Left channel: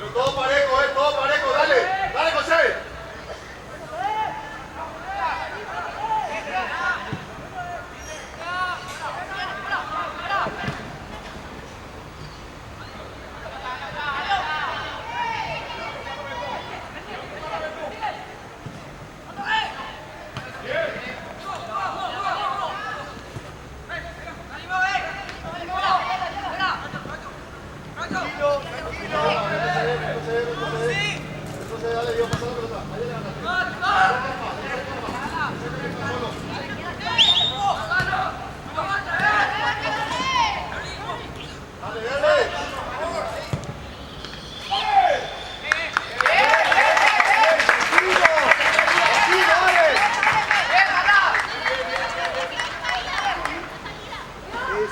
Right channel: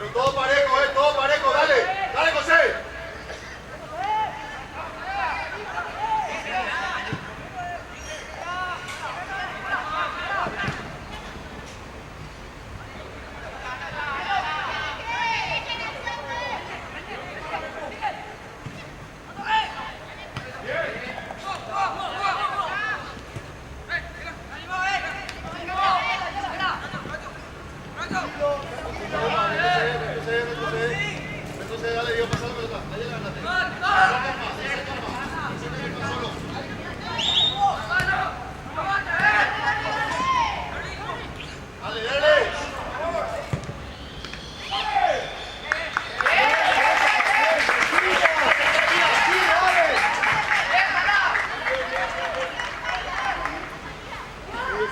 Todo parejo, dale, dale José.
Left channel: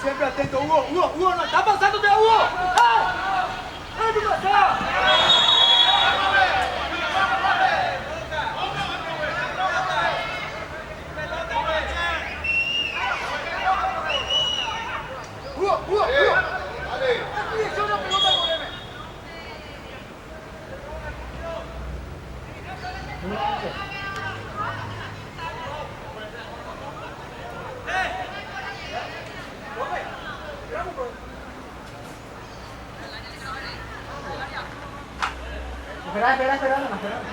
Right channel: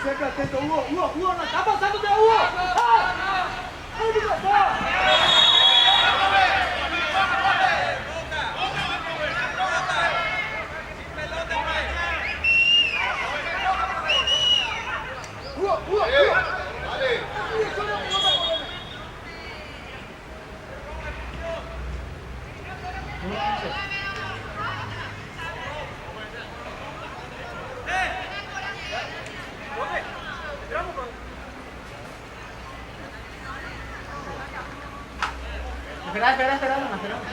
Siempre atento, Hugo, no está pasando de Hugo. ¡Ay, mi pasar! Hugo. Dale. Espera.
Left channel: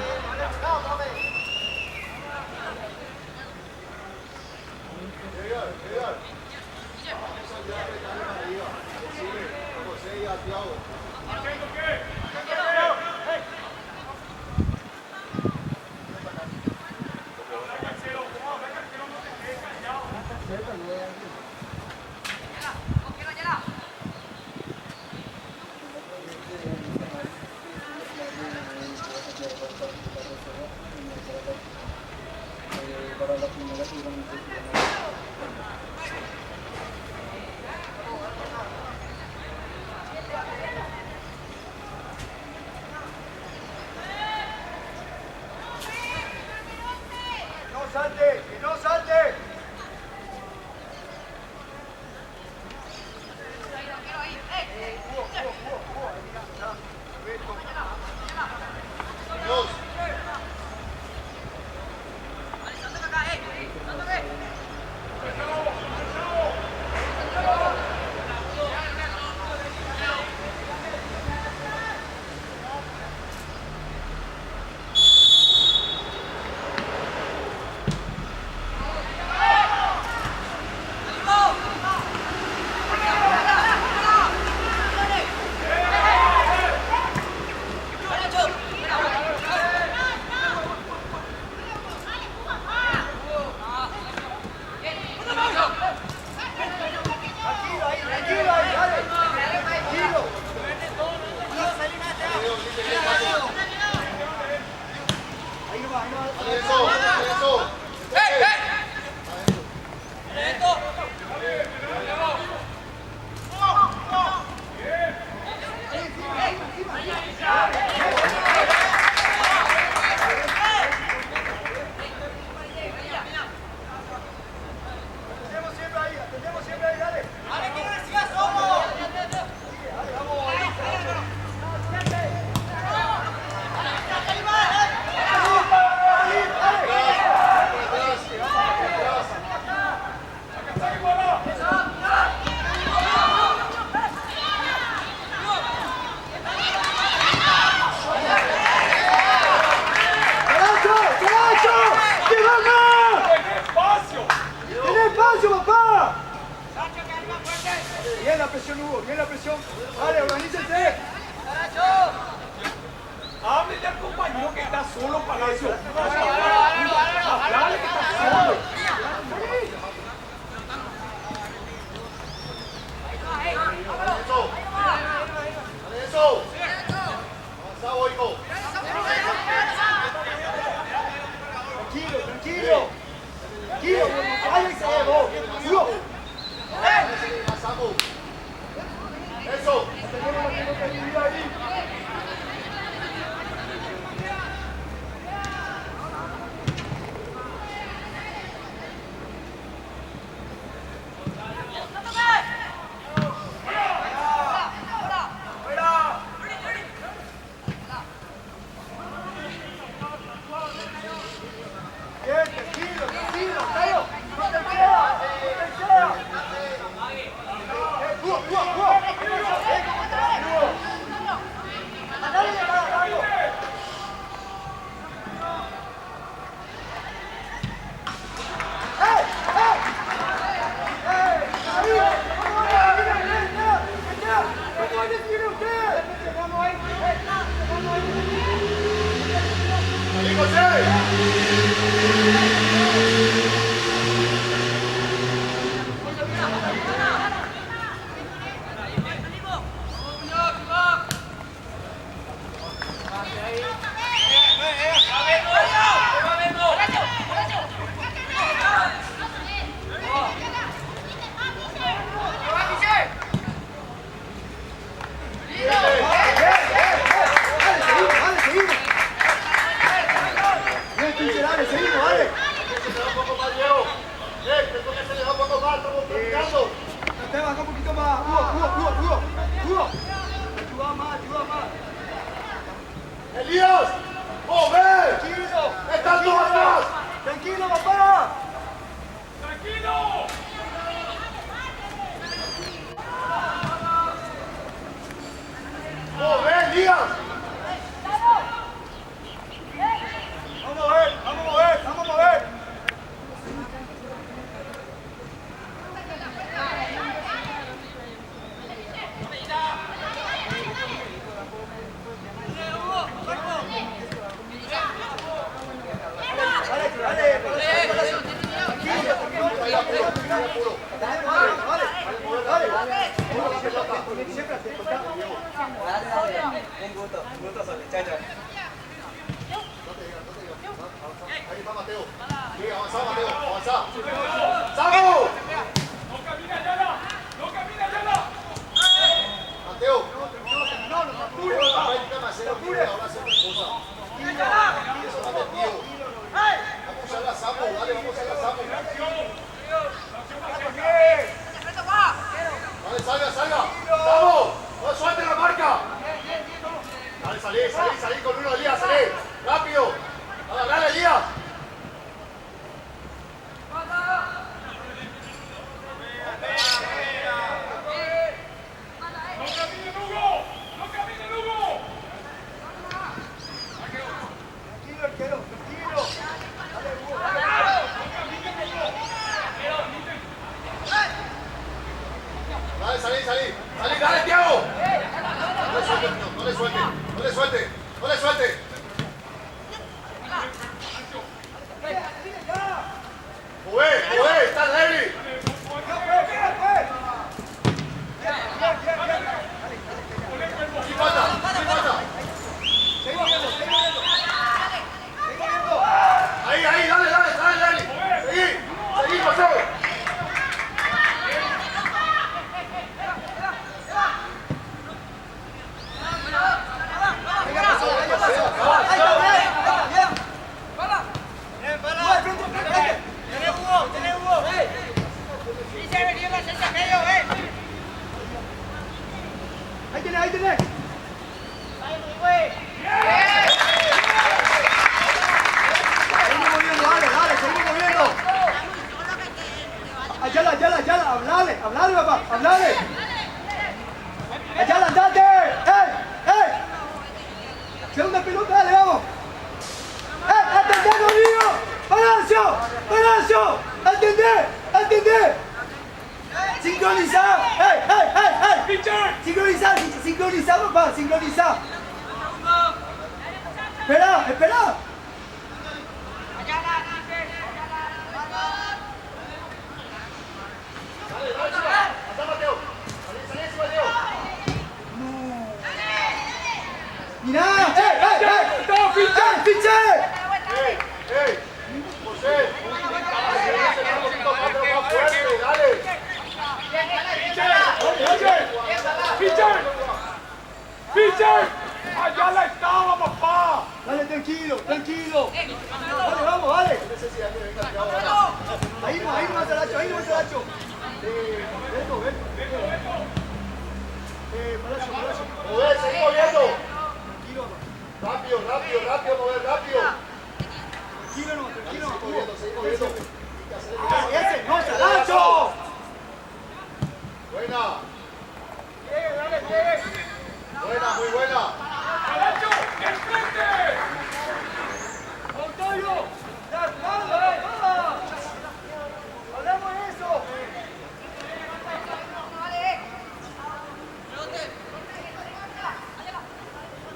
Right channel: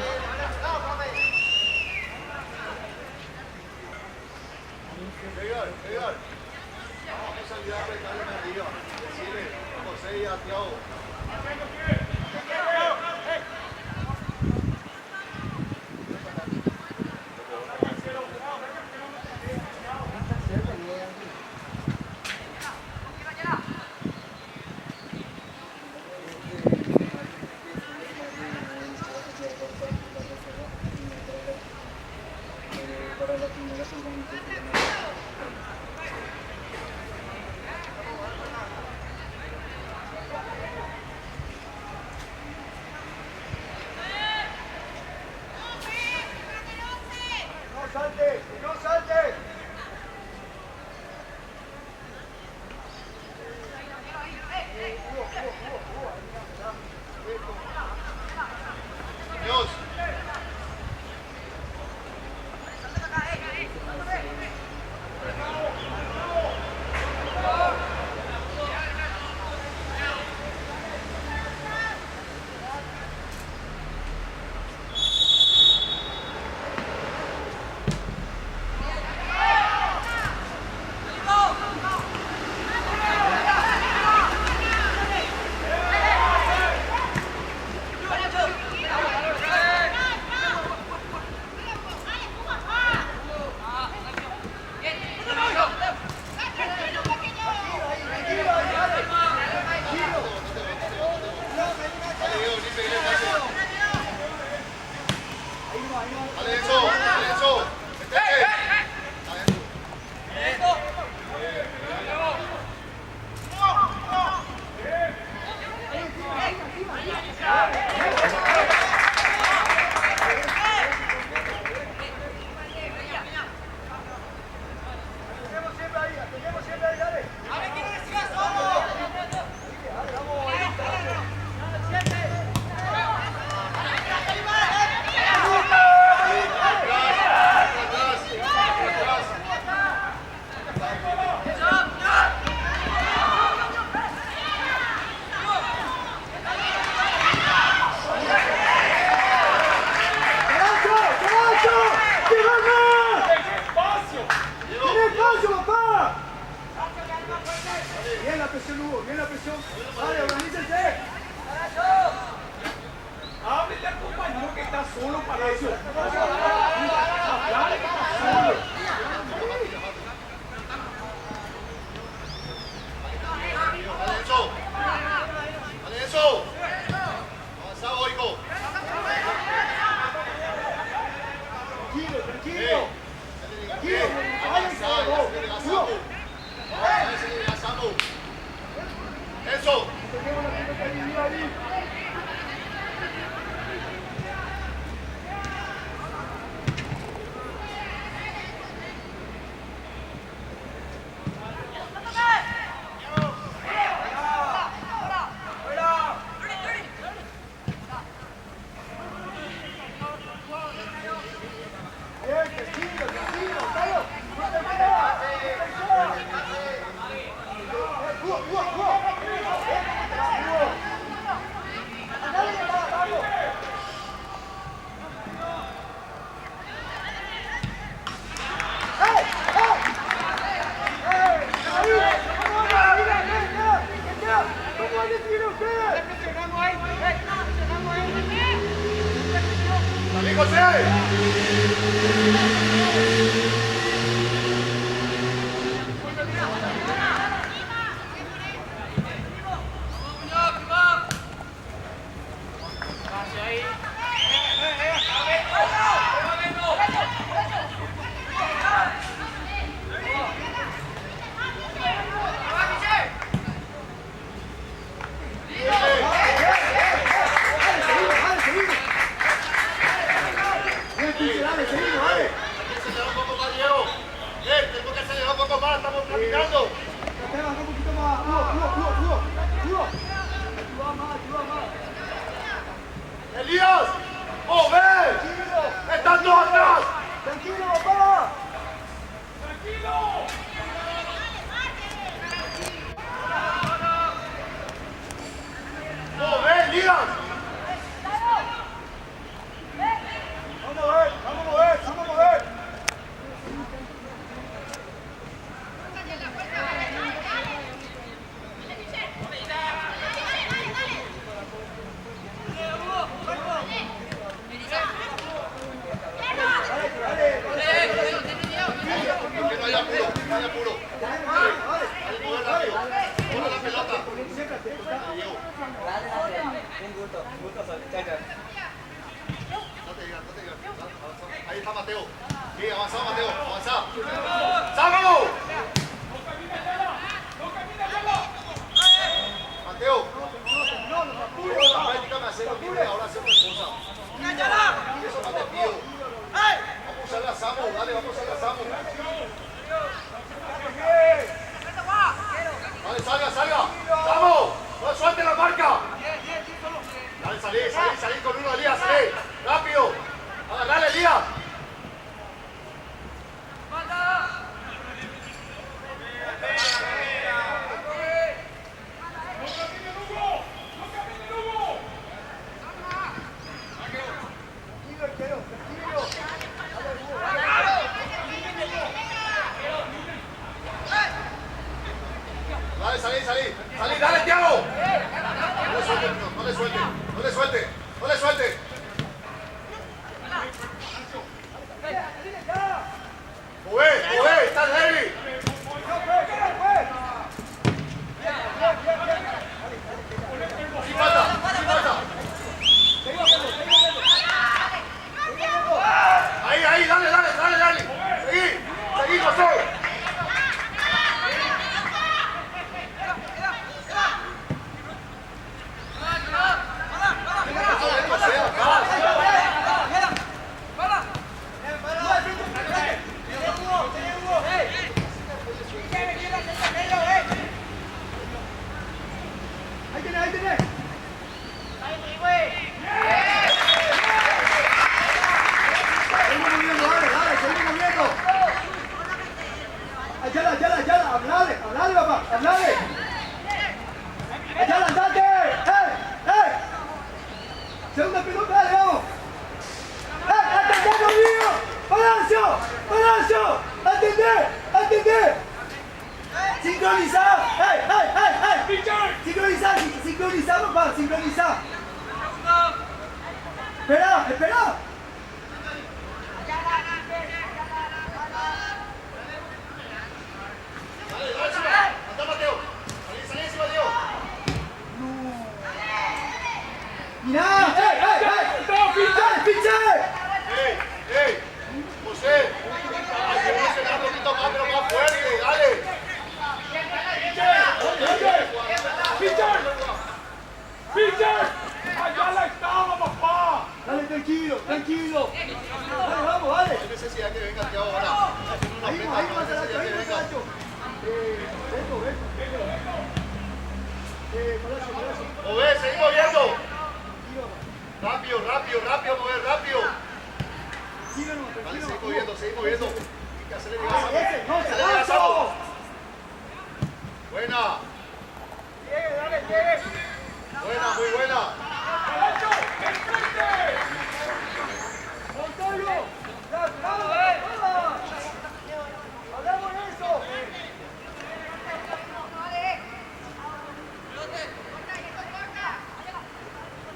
Vamos a ayudar a pegarle para arriba. Decirle, José y a Thiago. Para la primera seguramente no salte. Dios. Bien la presión. Dale, organícense. Háblele al compañero que está solo, Palacio. Háblale que está solo. Dale eso. Avanza, Oigo. Tranquilo. Váyanse, Hugo. Eso. Elías, ¡mover! ¡Están todos atrás! ¡Tranquilo, papá! ¡Mover, Elías! ¡Vamos a mover! ¡Vamos a mover! ¡Vamos a mover! Ahí está Mateo. Sí, avanza, Mateo, avanza. ¡Samu! Mateo. La práctica me hace lo que ahora hace otra cosa. Y eso no te pido. Vamos a usar la Samu, dale, vamos a usar la Samu. Dale, salga, salga. ¡Vamos! ¡No suelte la marca! Dale, salí con uno, Elías, salí. ¡Rápido! ¡Dale, Elías! Dale, salí, dale, Thiago. No le suelte, no le suelte, no le suelte, no le suelte. Jugué, está Larry. Sí falta. Ahí, dale. Seguí, José. Ahí tenés. Seguimos moviendo, dale, seguimos moviendo. Ayala, hablale, papá, hablale. Ayala, andate. ¡Ey! Segunda pelota, dale, vamos. ¡Atendé, conmigo! ¡Horacio! ¡Atendé! ¡Sincronizado! ¡Sincronizá, papá! ¡Sincronizá! ¡Espera! Anda, Mateo. Salí, Mateo. ¡Mirá! ¡Pinche! ¡Ey! José. Un poquito más, pero más fuerte, dale. ¡Pitcher! ¡Allá la estaba, papá! Dale, tranquilo. Dale, vamos, dale. No necesidad que venga Thiago ahora. Ahí va, Saracho. Palacio. Mover, seguí moviendo. Rápido, mover, rápido. Tranquilo. Seguí moviendo. ¡Ese, Lancho! Buena. ¡Llegue! Muy buena. ¡Caracho! ¡Enfrente! ¡Montoyo! ¡La espalda! ¡Hablamos de eso!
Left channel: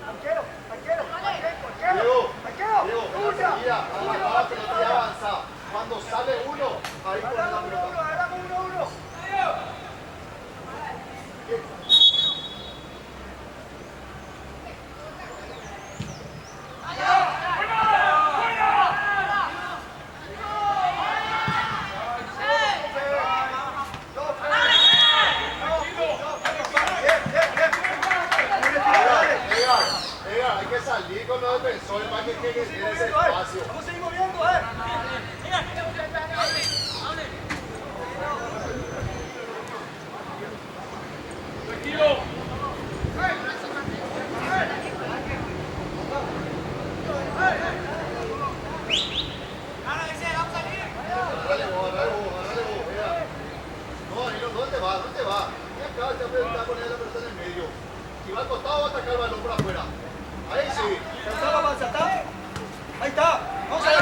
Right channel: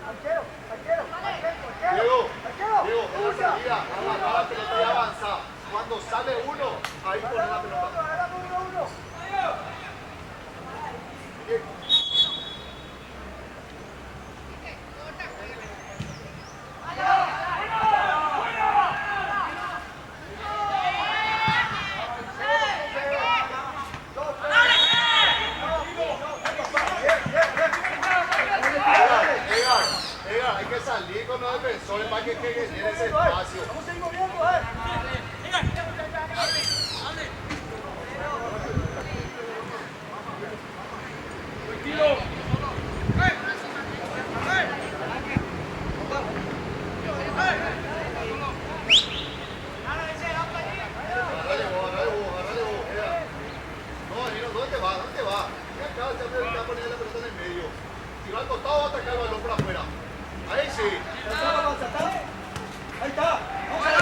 Arquero. Diego. ¡Usa! que salir con los defensores para que quede ese espacio. Vamos a seguir moviendo, Tranquilo. ¿Dónde va? Ven acá, ya poner la pelota en el medio. Si va al costado, va a atacar el balón por afuera. Ahí sí. Ahí está. Vamos a la.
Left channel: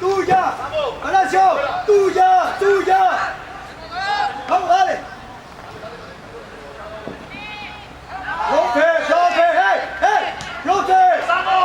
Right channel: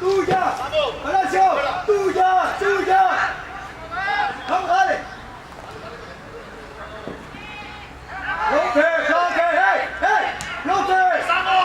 ¡Tuya! ¡Horacio! ¡Tuya! ¡Vamos, dale! ¡Rote! ¡Hey! ¡Rote! ¡Samo!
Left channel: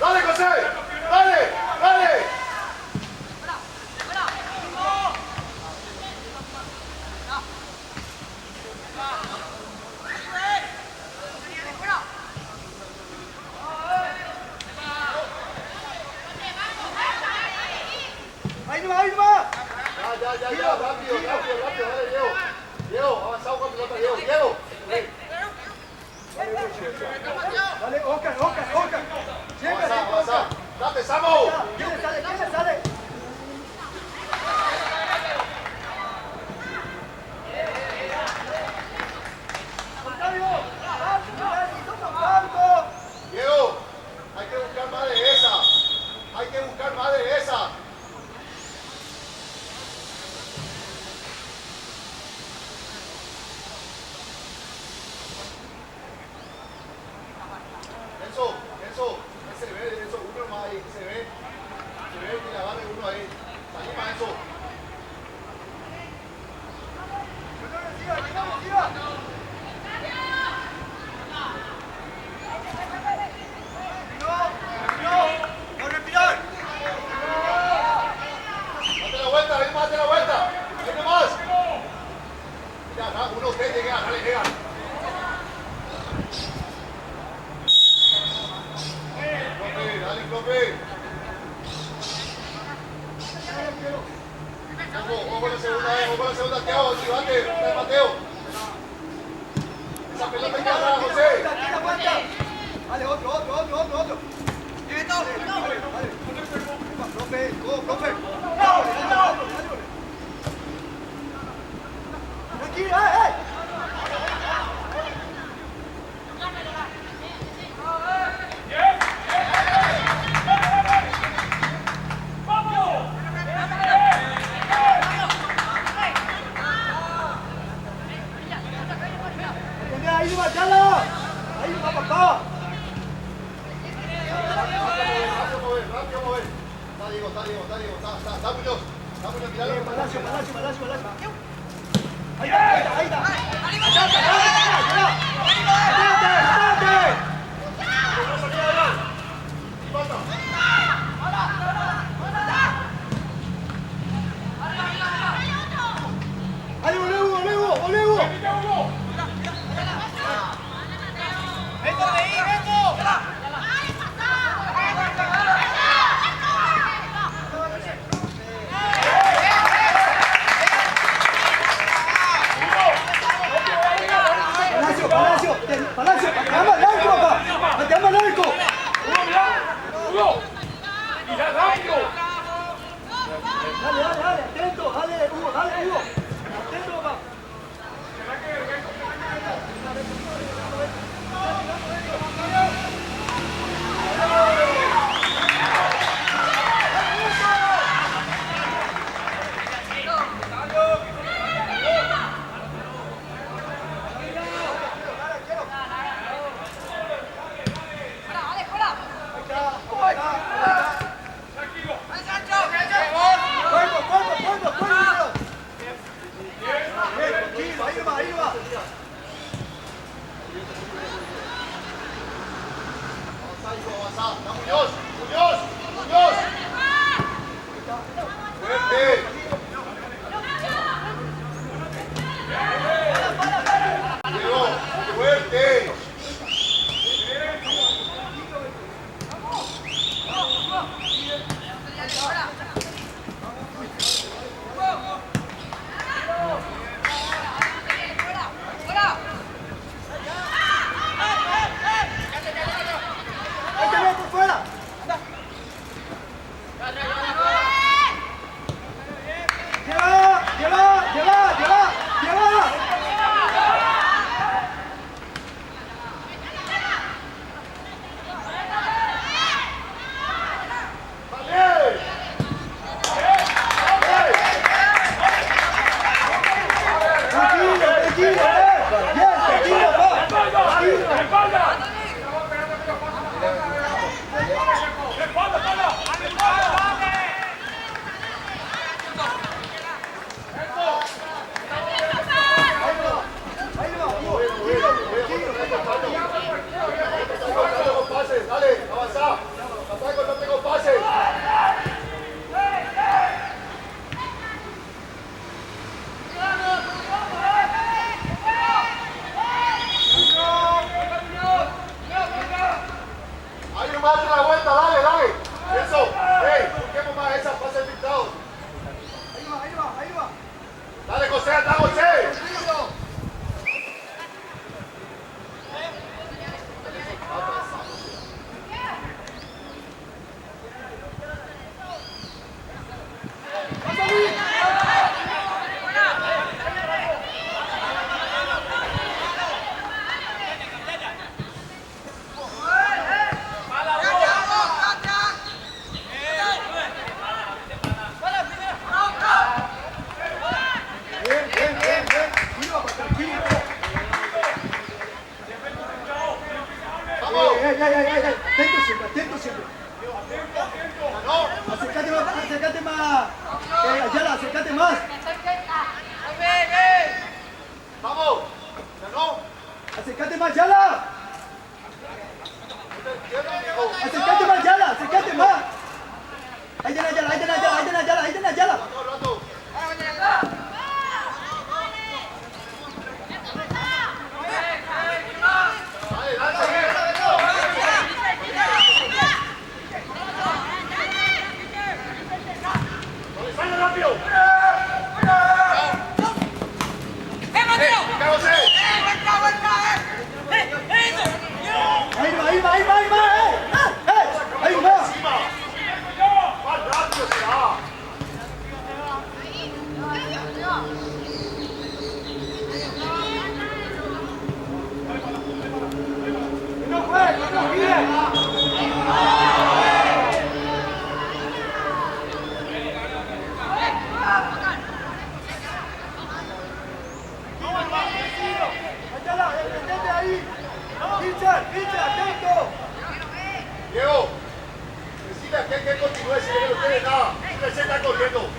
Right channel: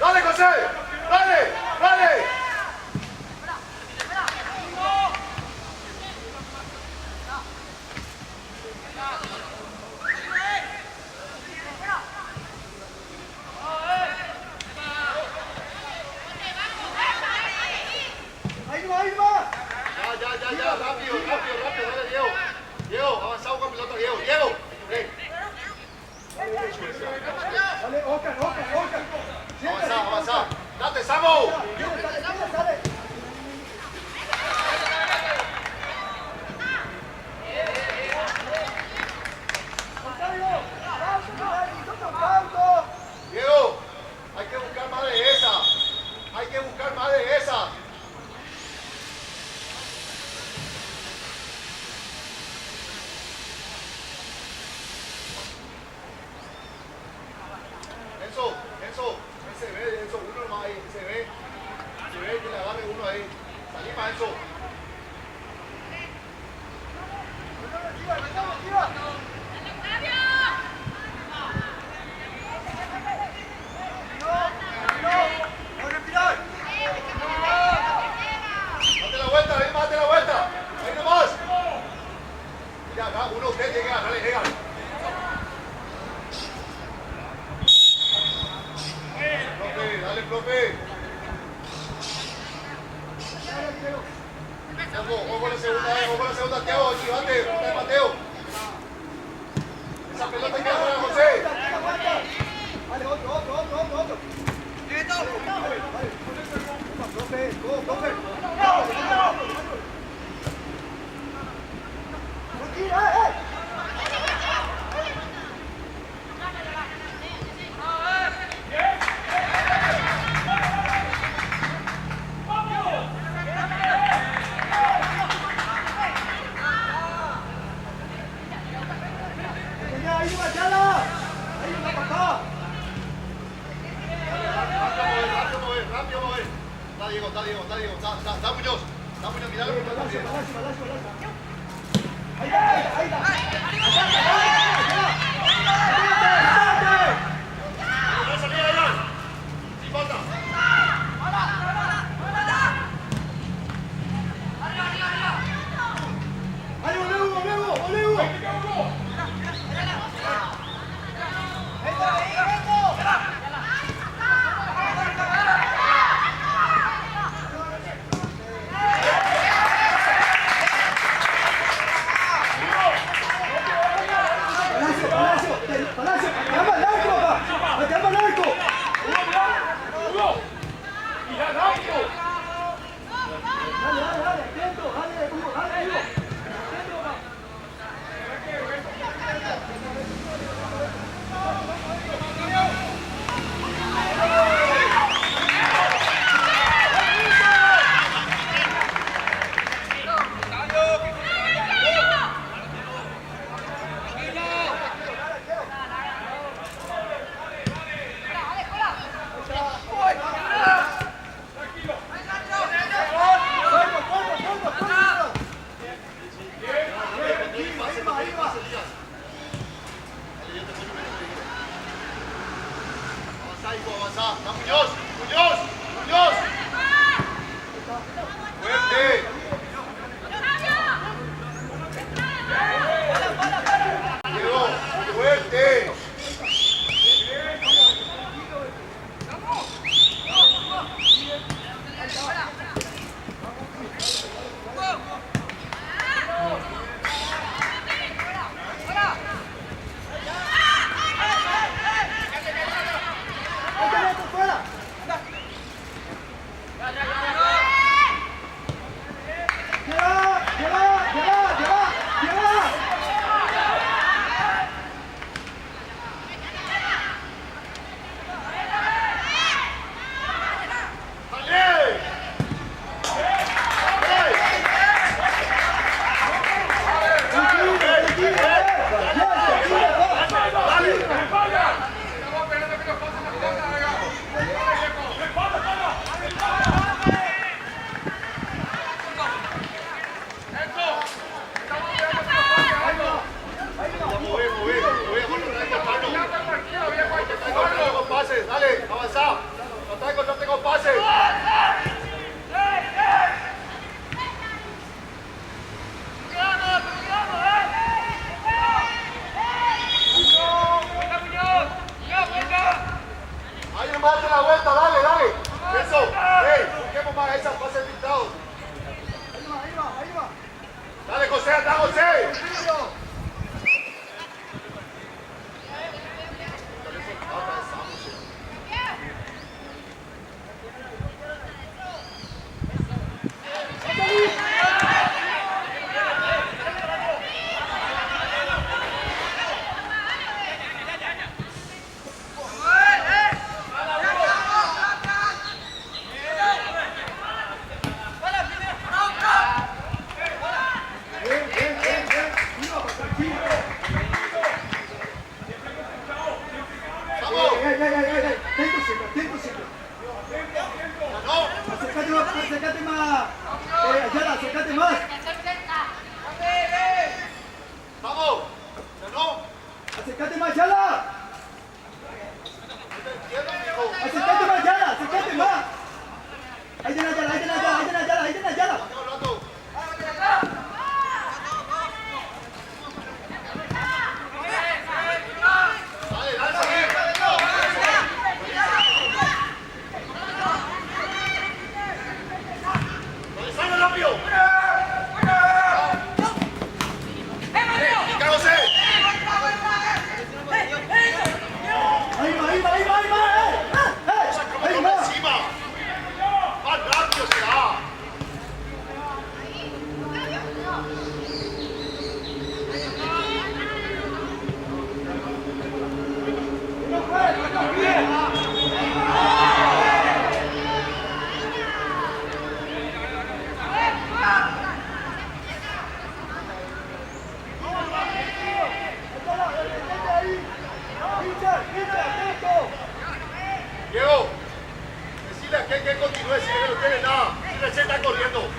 ¡Dale, José! ¡Dale! ¡Ahí va! Ya, rápido, dale, Diego, avanzado con pelota, Diego. Dale, Oscar. Avanza. ¡Date, Samu! Sale. Diego, hay que buscar más de esa. Eso, se ve, uno más ahí, se ve que le agarre uno ahí. Salí para eso. Date la vuelta. Ahí nomás. Ya, uno usted llega, dale. Dale, profe. Ojo con la segunda, Teo, chivate, Mateo. Esa pelota hay que agarrar a José. Dale, otro. Profe. Tranquilo, Ahí va, papá. Rápido, mover. Está Diego. Está Muñoz, miralo. Ahí está. Avanza. Muñoz. Muñoz. Muñoz. Fuerte. Diego, fuerte. Acércate más. Ayala, acércate más. Vamos. No. Acércate más, Ayala. Acércate más, Ayala, acércate más. Ayala. Diego, decide a que continúe si no tiene nada. Si se está corriendo.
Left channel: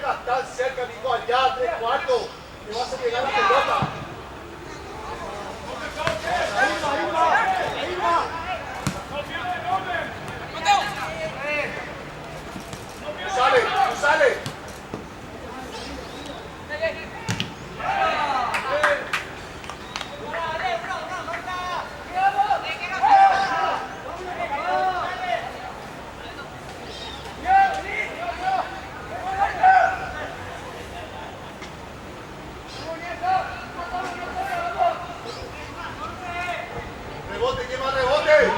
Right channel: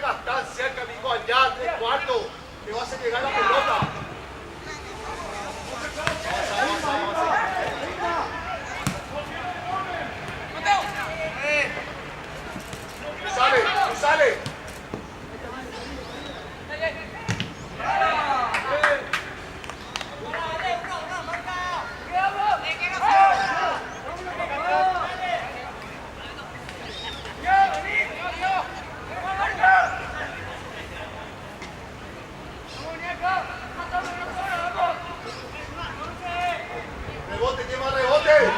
vengas tan cerca, amigo, allá, 3/4, que vas a llegar a la pelota. Tú sales. Rebote, lleva rebote.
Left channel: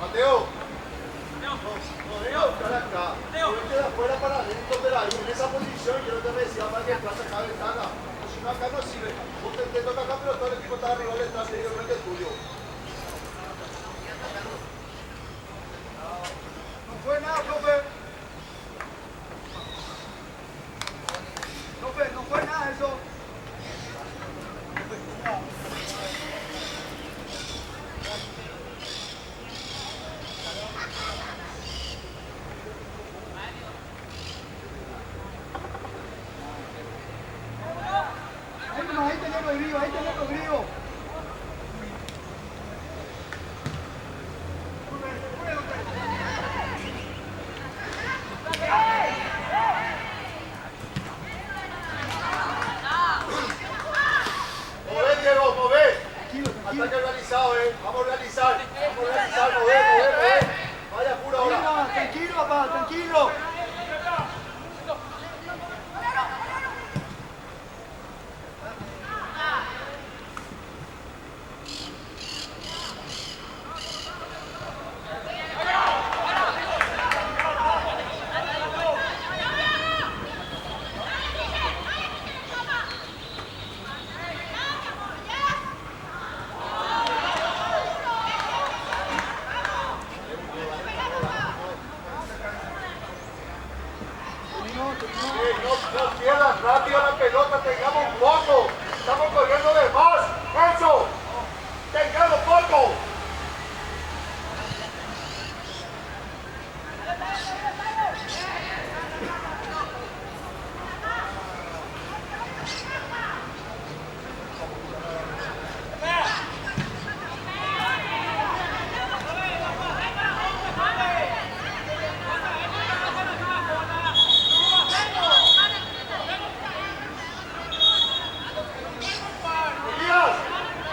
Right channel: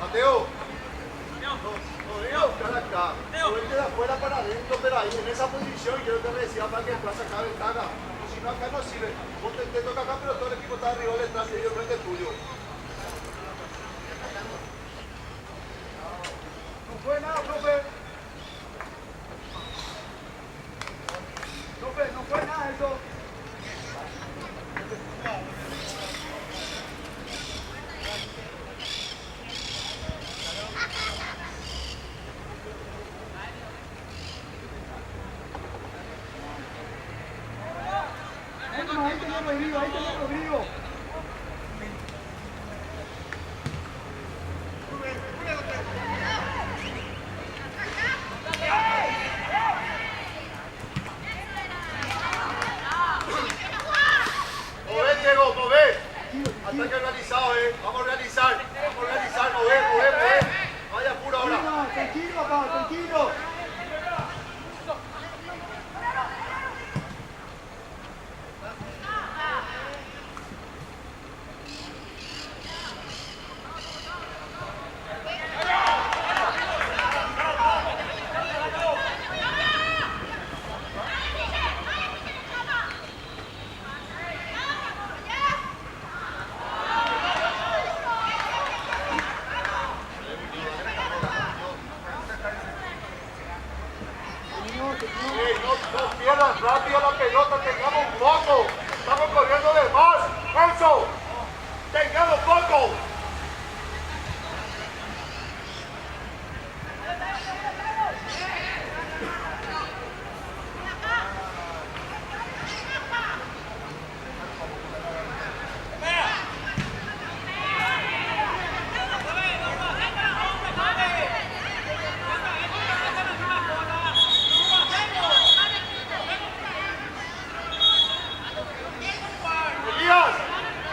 Mateo, no buscar acá. Vete de afuera para adentro, pero ahí en esa posición quiero que me decía para que plaza acá ventana. Si no, acá no sirve. Vos te toca acá, pero todo el equipo está arriba detrás y ellos venden tuyo. No fue nada, profe. Profe, no fue nada eso. Ahí tenés Rodrigo. Mover, Diego, mover. Ataque realizado, Vamos a realizar, mover. Vaya puro ahora. Tranquilo, papá, tranquilo. No pierdas rápido la pelota, tengamos poco. Estamos corriendo de más. Eso. Tengamos poco.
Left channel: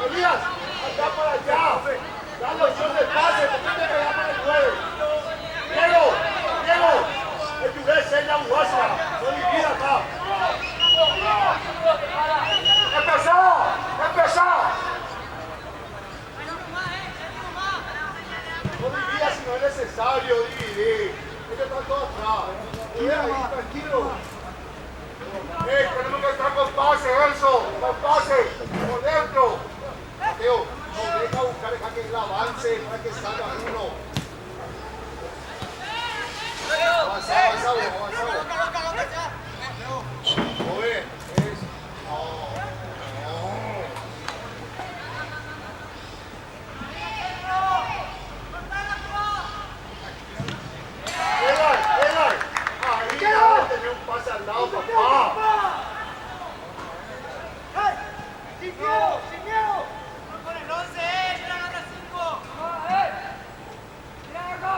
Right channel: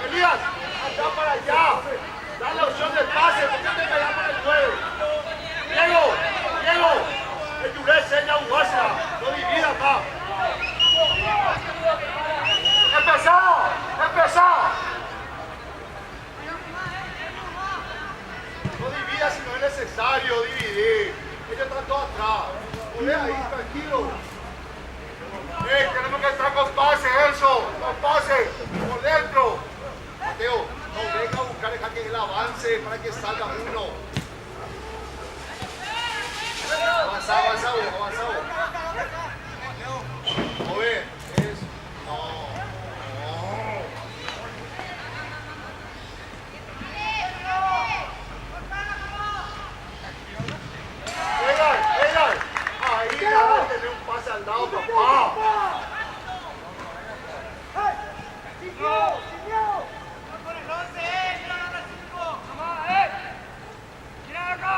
Elías, allá para allá. Da la opción del pase, porque te cagamos el 9. Diego, el Durés es la Guasa. No divida acá. Empezá. No dividas si no es necesario dividir. Ellos están todos atrás. Ahí, tranquilo. Tenemos que entrar con pase, con pase, por dentro. Mateo, no venga a buscar, deja que él avance para que salga uno. Avanzado. Joven, Ahí ya tener un pase al lado, papá. ¡Sin miedo! Con el 11, la gana 5. Mira acá.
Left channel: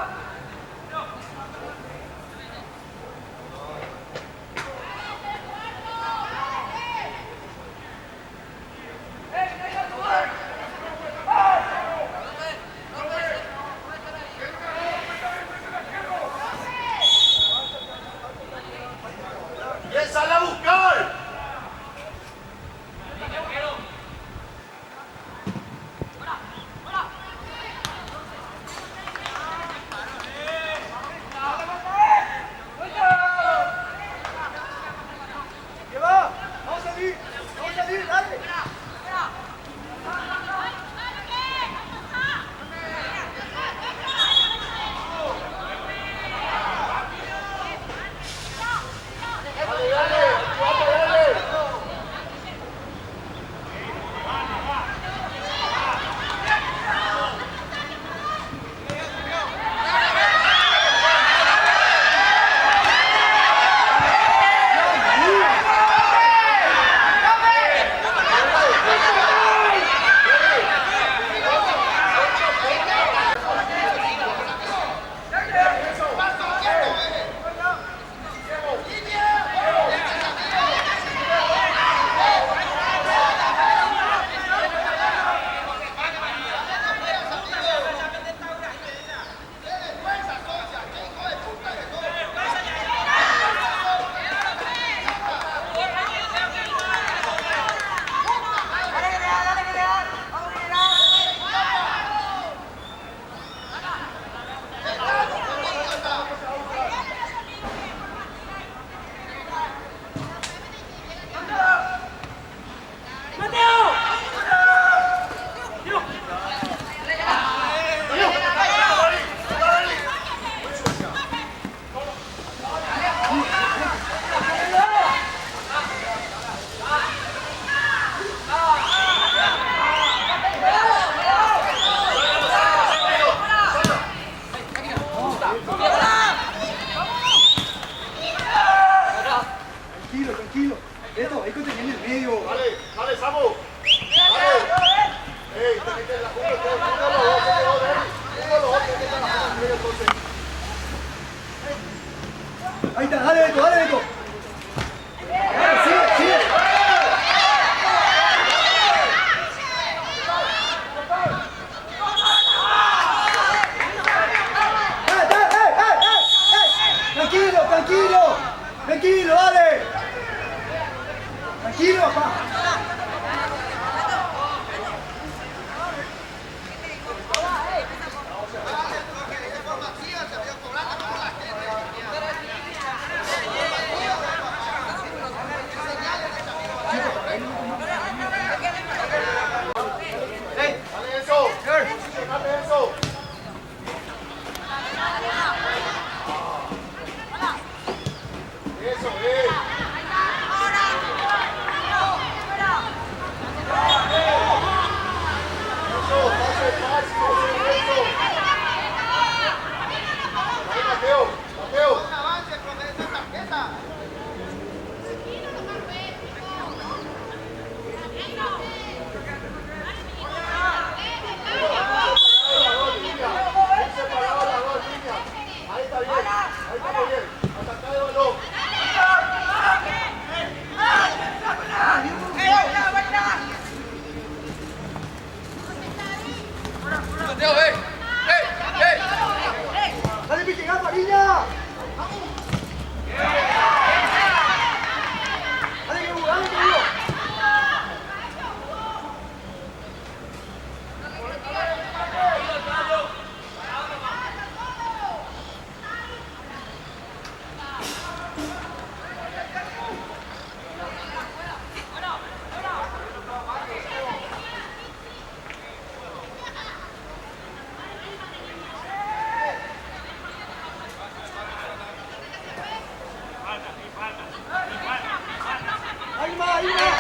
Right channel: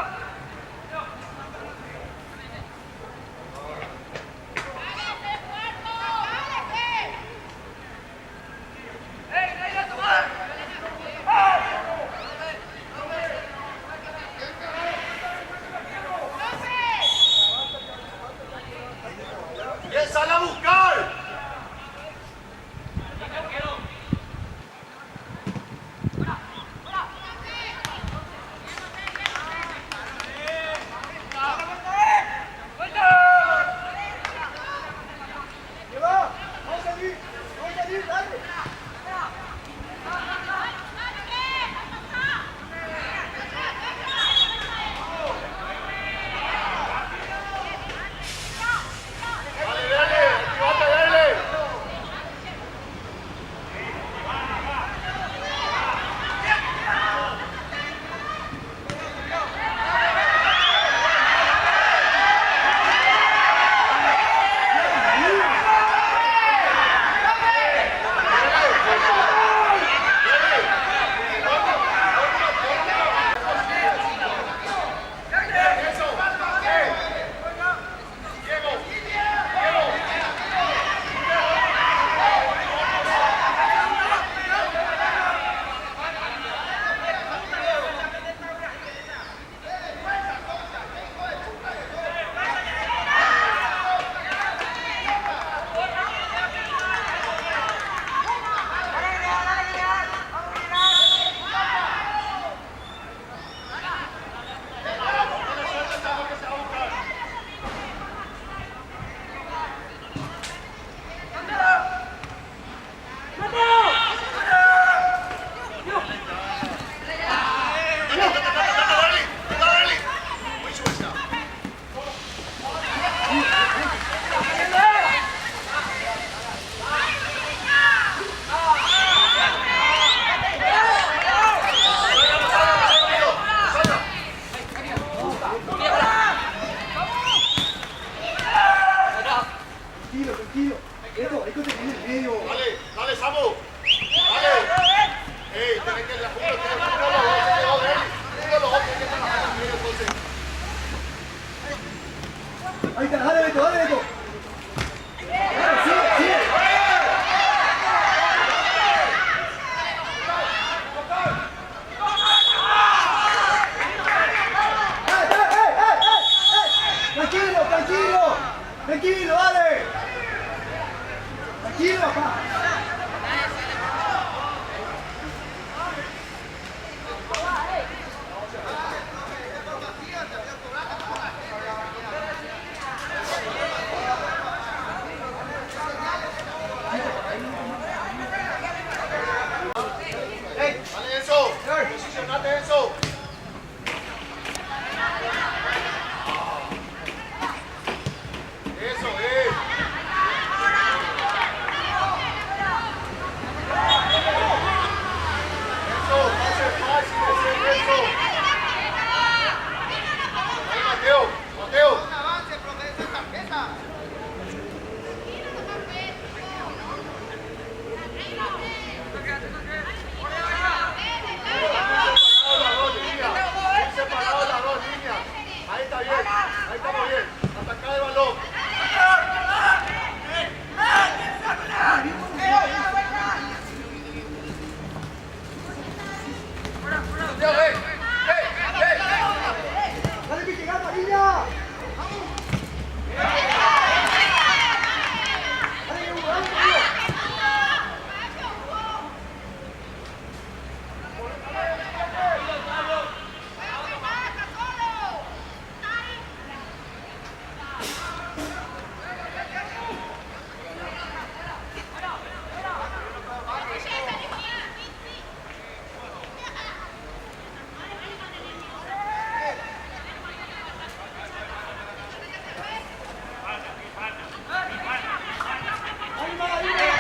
Dale, Samu. Dale. Ey, tenés que la jugar. Uno los dos, que están haciendo entonces. Ahí está, dale Beto, dale Beto. Sigue, sigue. Tranquilo, tranquilo. Tranquilo, dale. Tranquilo, papá. Dale eso. Posicionate eso. Eso, Mateo, Mateo. Avance, profe, esa tarjeta. Ahí está bien, ataca de balón. Dale, Pique, gana, niña. Dale, Hugo, dale, Hugo. Ahí va, ahí va.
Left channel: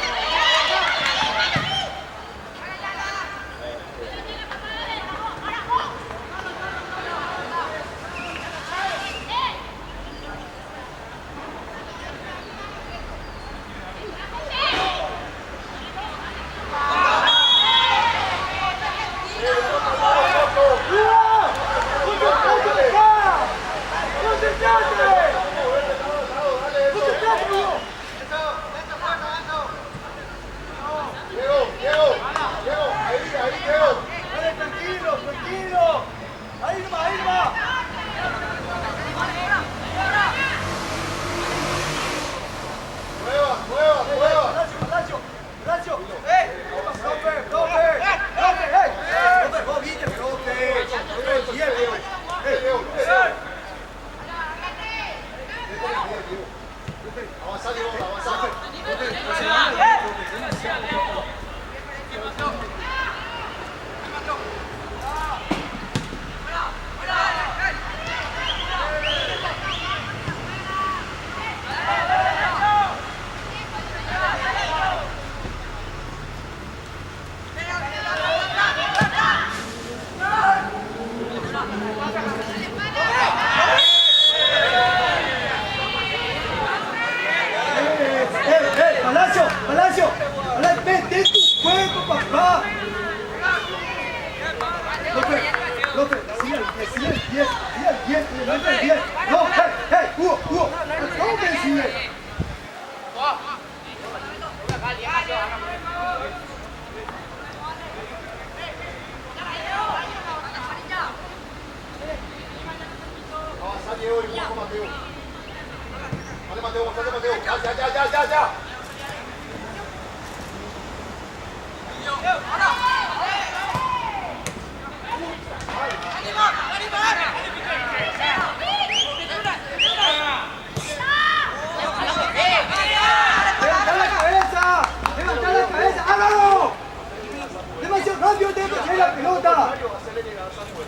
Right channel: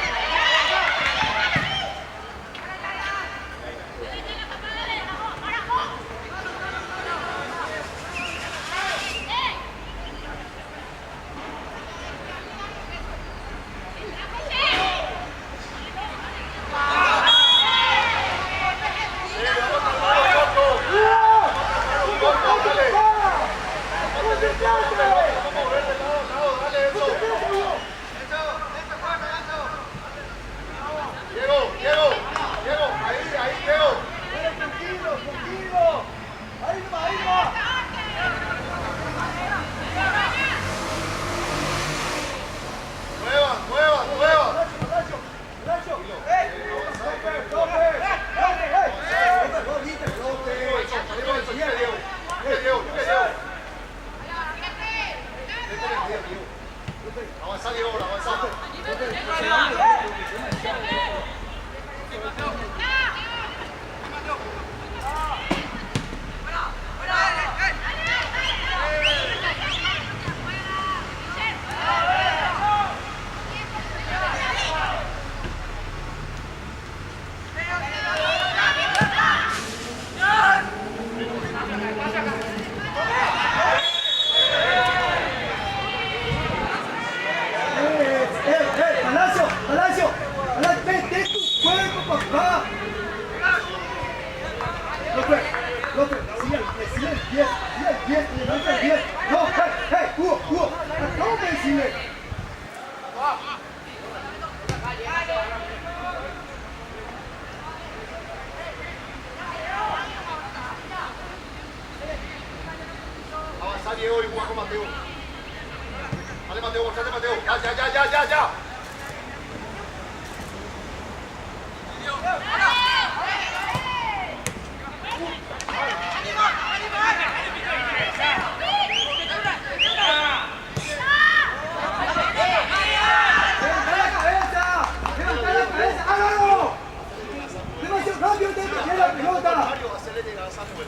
Diego, ahí, Diego. Dale, tranquilo, tranquilo. Ahí va, ahí va. Nueva. Horacio. Stopper, stopper. Dale, vos viste, Avanza, Diego, avanza. Palacio, vete tu juego, papá. Sigue el 10, levanta el 10. No, Hugo, acabo de decirle. Avanza, Diego, y juega con Mateo. Dale, Mateo, bastante Mateo. Ya. Levanta la cabeza, hágalo. Demasiado rápido, te que la pelota. Mario, hacerle llegar a Samuel.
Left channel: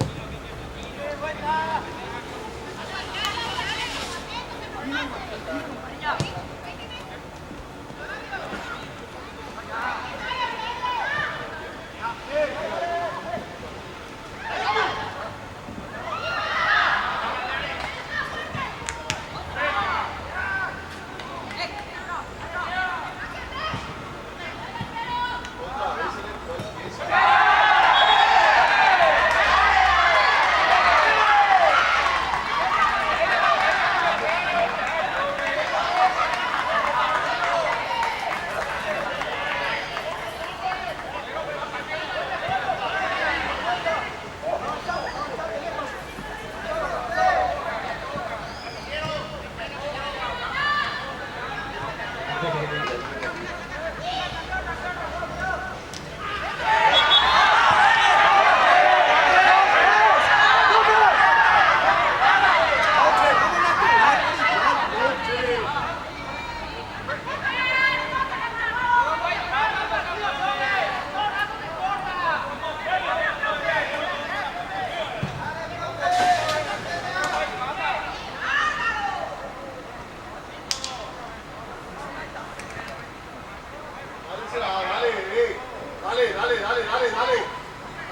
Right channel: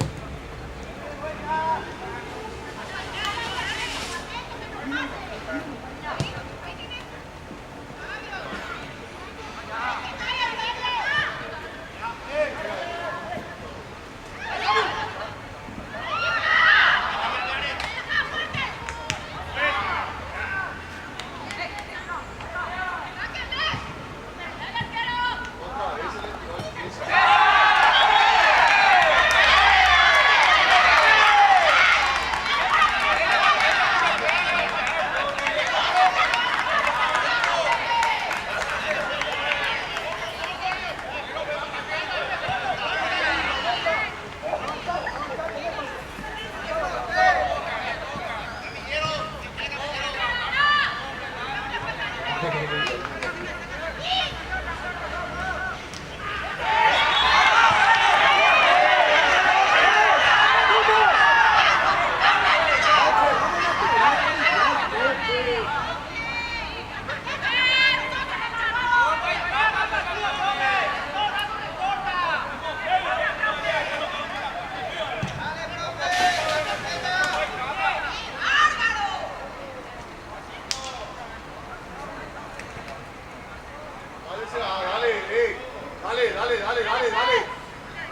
Dale, dale, dale.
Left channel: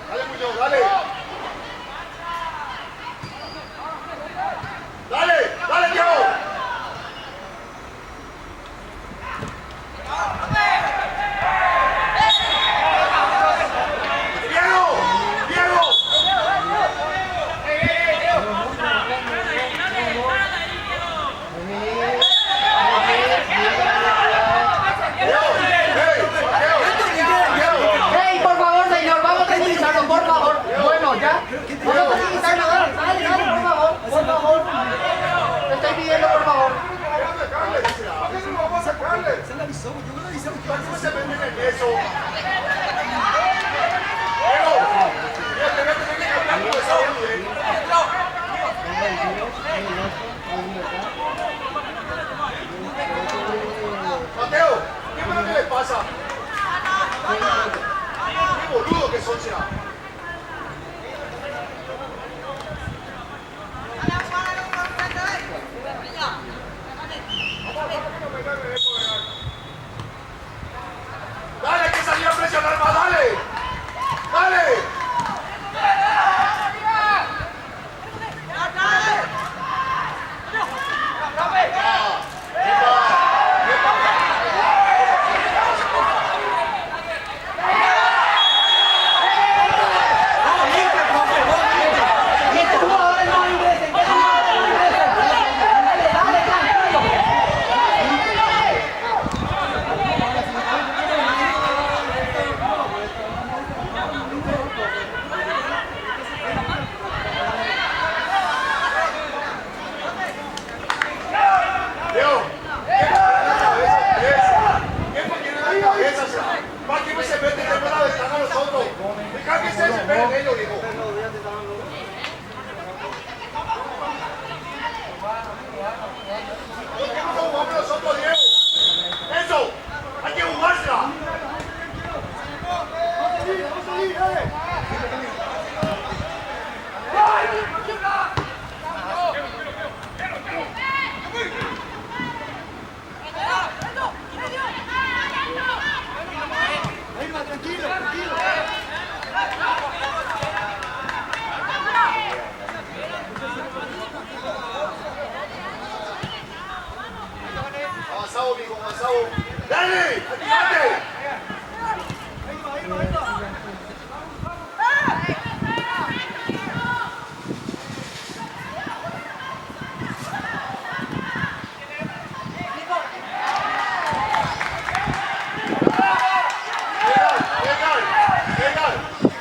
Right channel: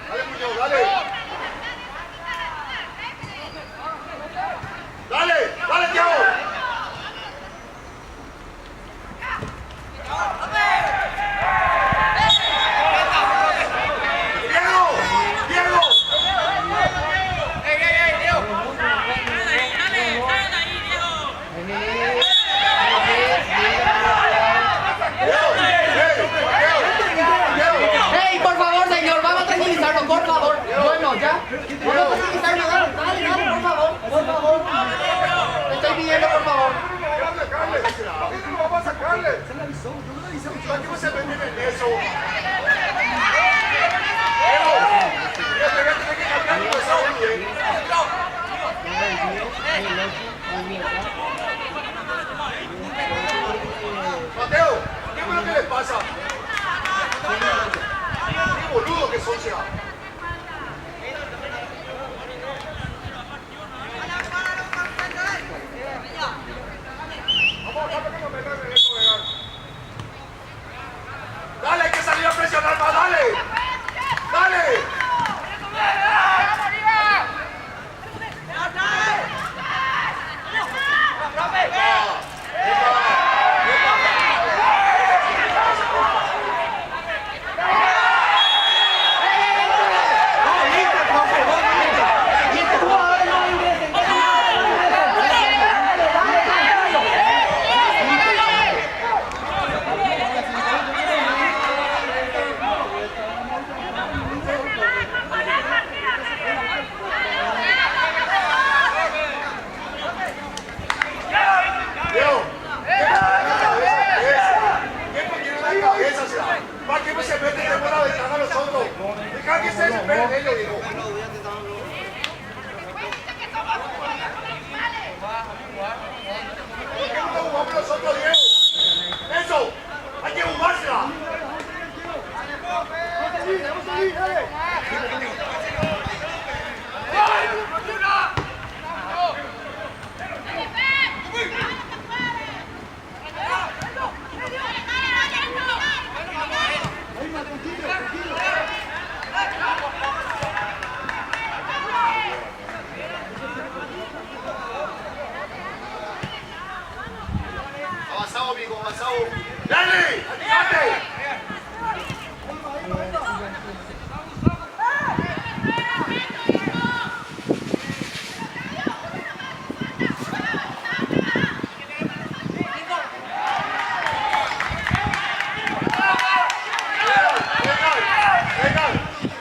Dale, Muñoz, dale. Dale, dale, Diego. ¡Ey, por favor, señor! ¡Vamos a tranquilizarnos, por favor! Bueno, ya. Vamos a tranquilizarnos, dale, dale, dale, por favor, por favor. Te estoy pidiendo, por favor. Vamos a sacarle. Se le avisó, yo no le avisé. ¿Para qué se meten en eso? Mateo, ¿qué es lo que le pasa? ¡Qué boludo que son ya! ¡Dale, hay que salir a presionar más! ¡Dale! ¡Dale! ¿Para qué no se meten de la ventana a nosotros? Deja que se esperen ellos, digo. ¿Por qué no nos jugamos nosotros, Diego? ¡Eso! ¡Hay que jugársela! ¡Vamos a salir, dale! Avanzado, amigo, avanzado. ¡Dale! ¡Dale!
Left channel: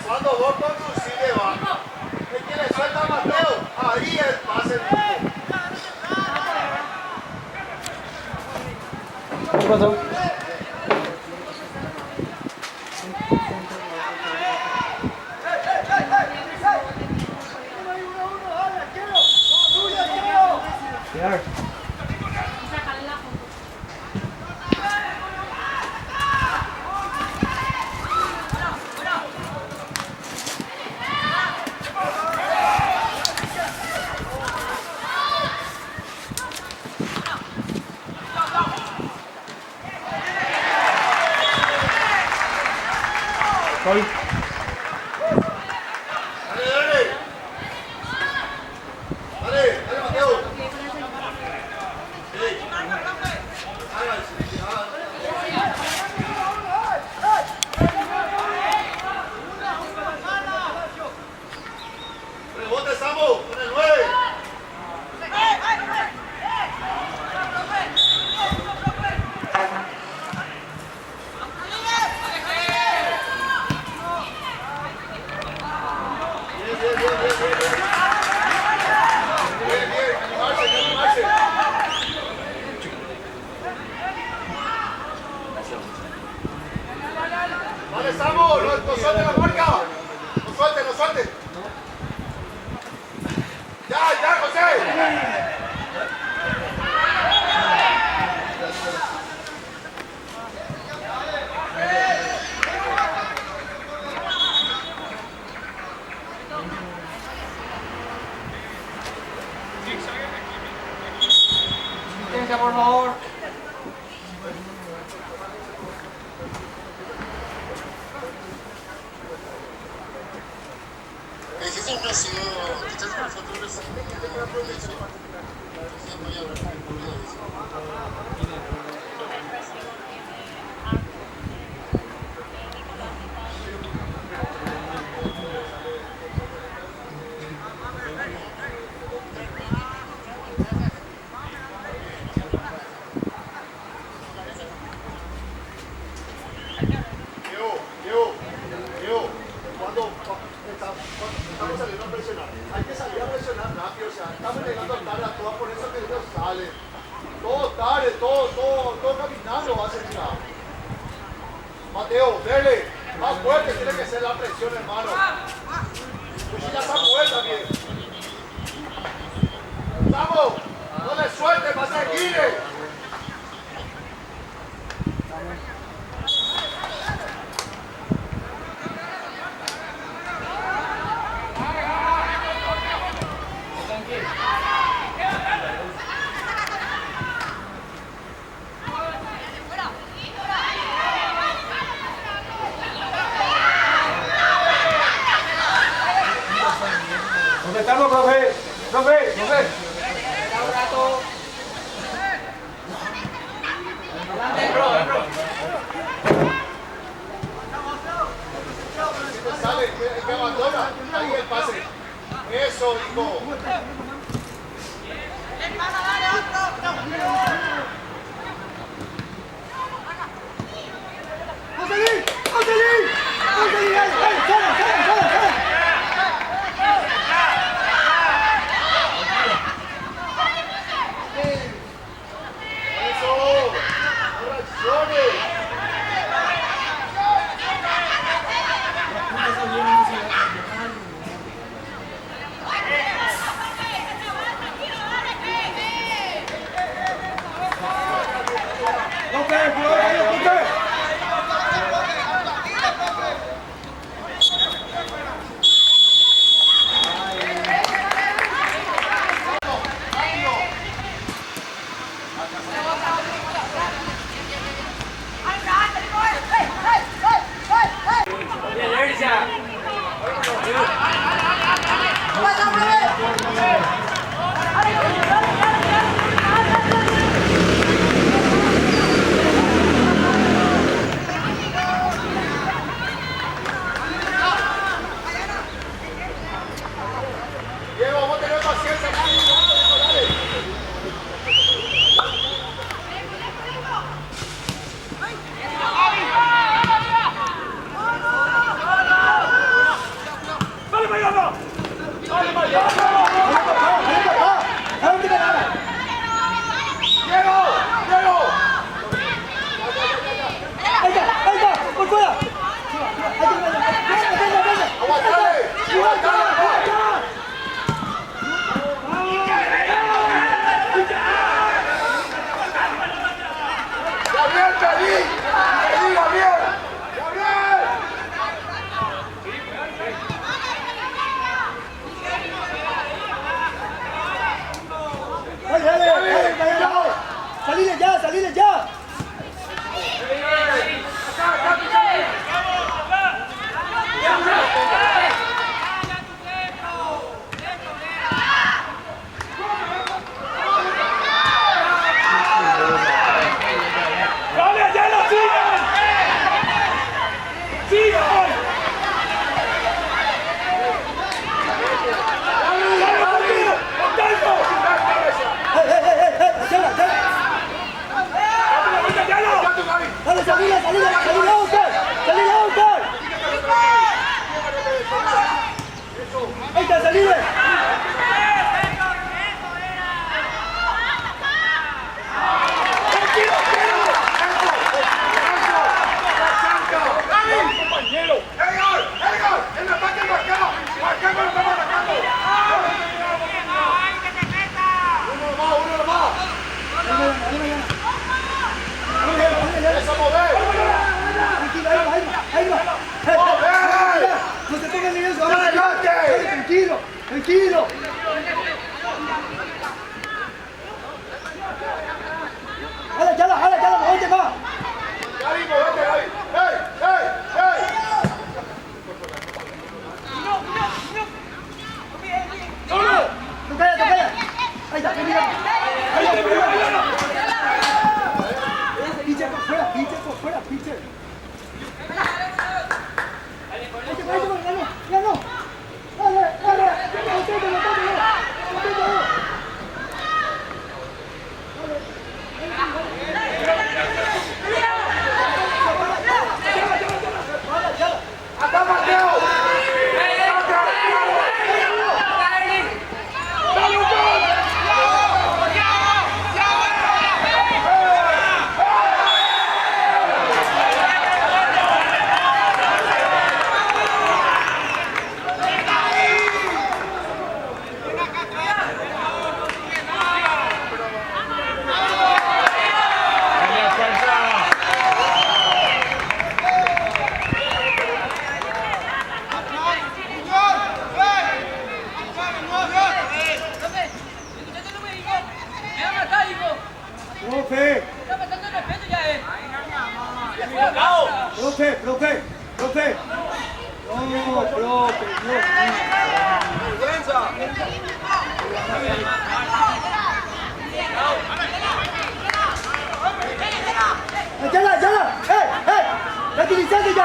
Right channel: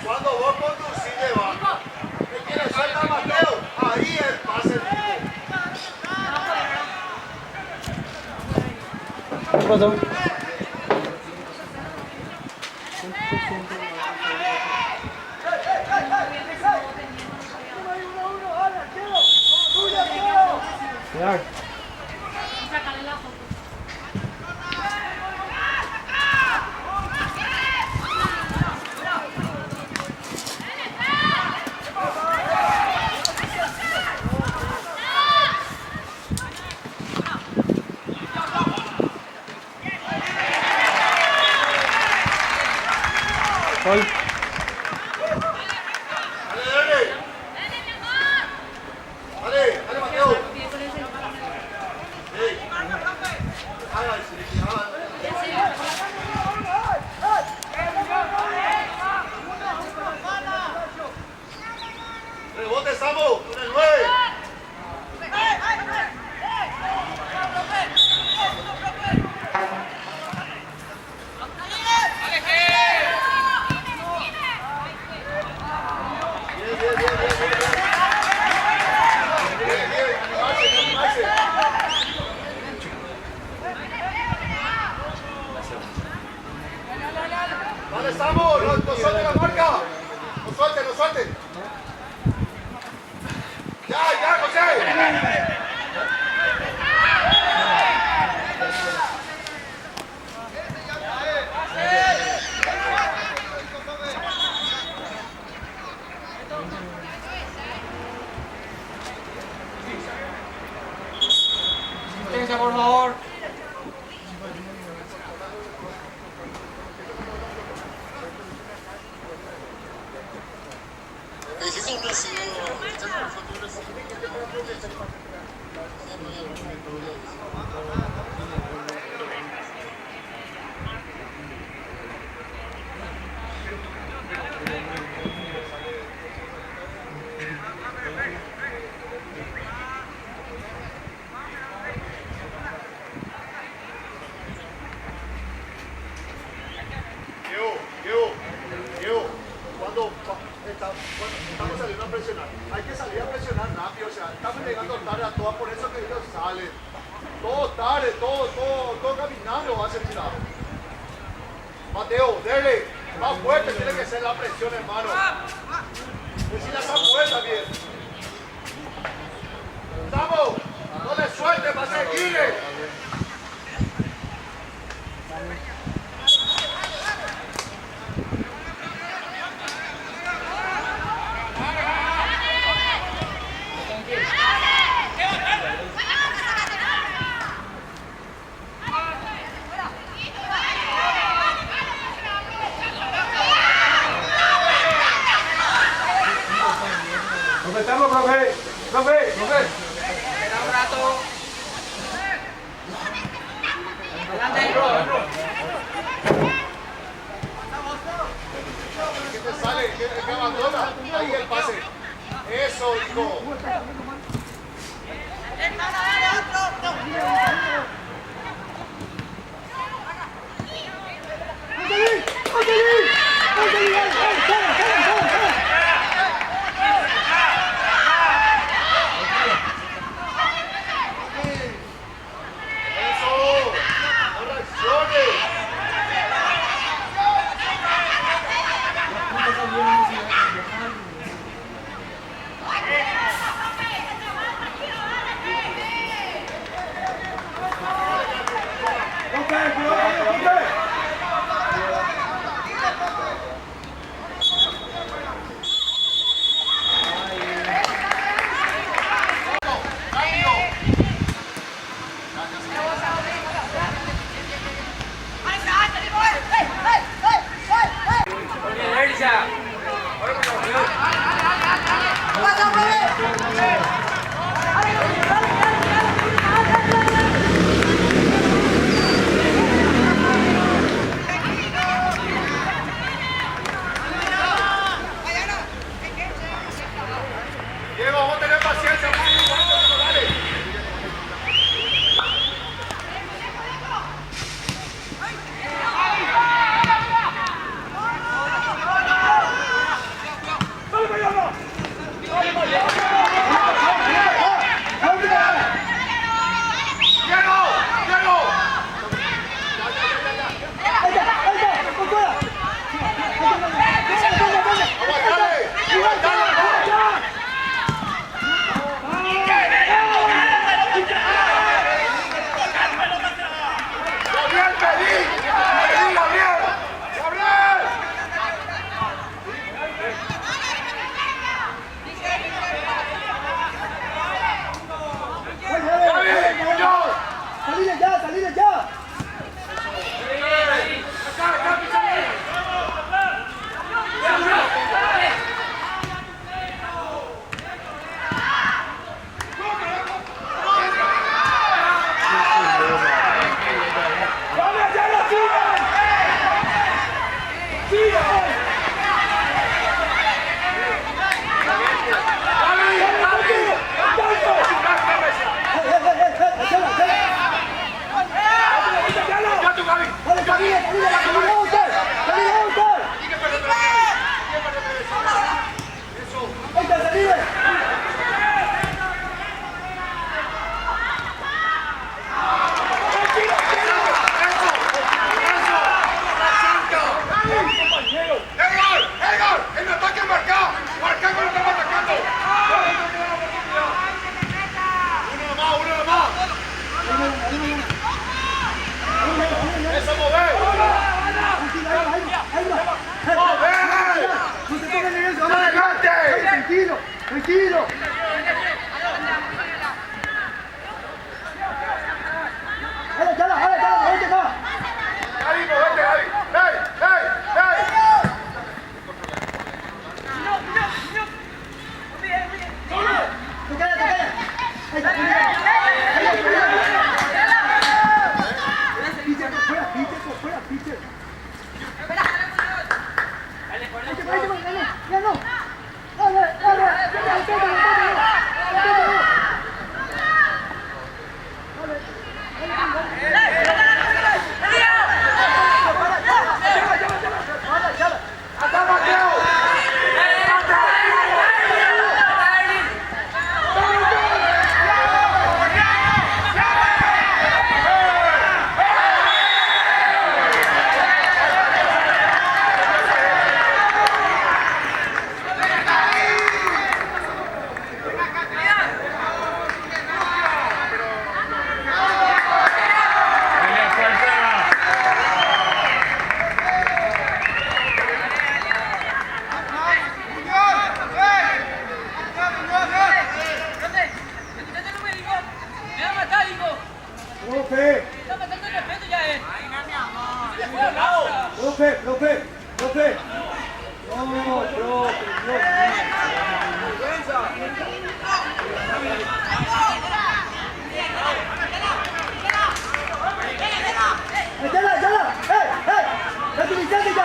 Cuando vos conducís de baja, es que le suelta a Mateo, ahí es pase el punto. ¿Qué pasó? Ya. Voy. Dale, Mateo. Rebote, Samu, con el 9. Bien, animarse. Vale, Samu, no suelte la marca. No suelte. Ya, José. Asistencia, por favor. Estamos saliendo a presionar. Hay que salir a presionar rápido, o sea, estamos llegando tarde a todas, por eso que ellos salen. Todo tarde, todo caminando va a ser tirado. Mateo, dele, más fuerte tiene que ser la presión, hermano. Pues si ya está fuerte bien. ¡Vamos! ¡No le suelte, más seguirle! ¿Dónde estamos, profe? ¡Profe! Si te sale, que abandona, ahí el pase. Eso, hijo.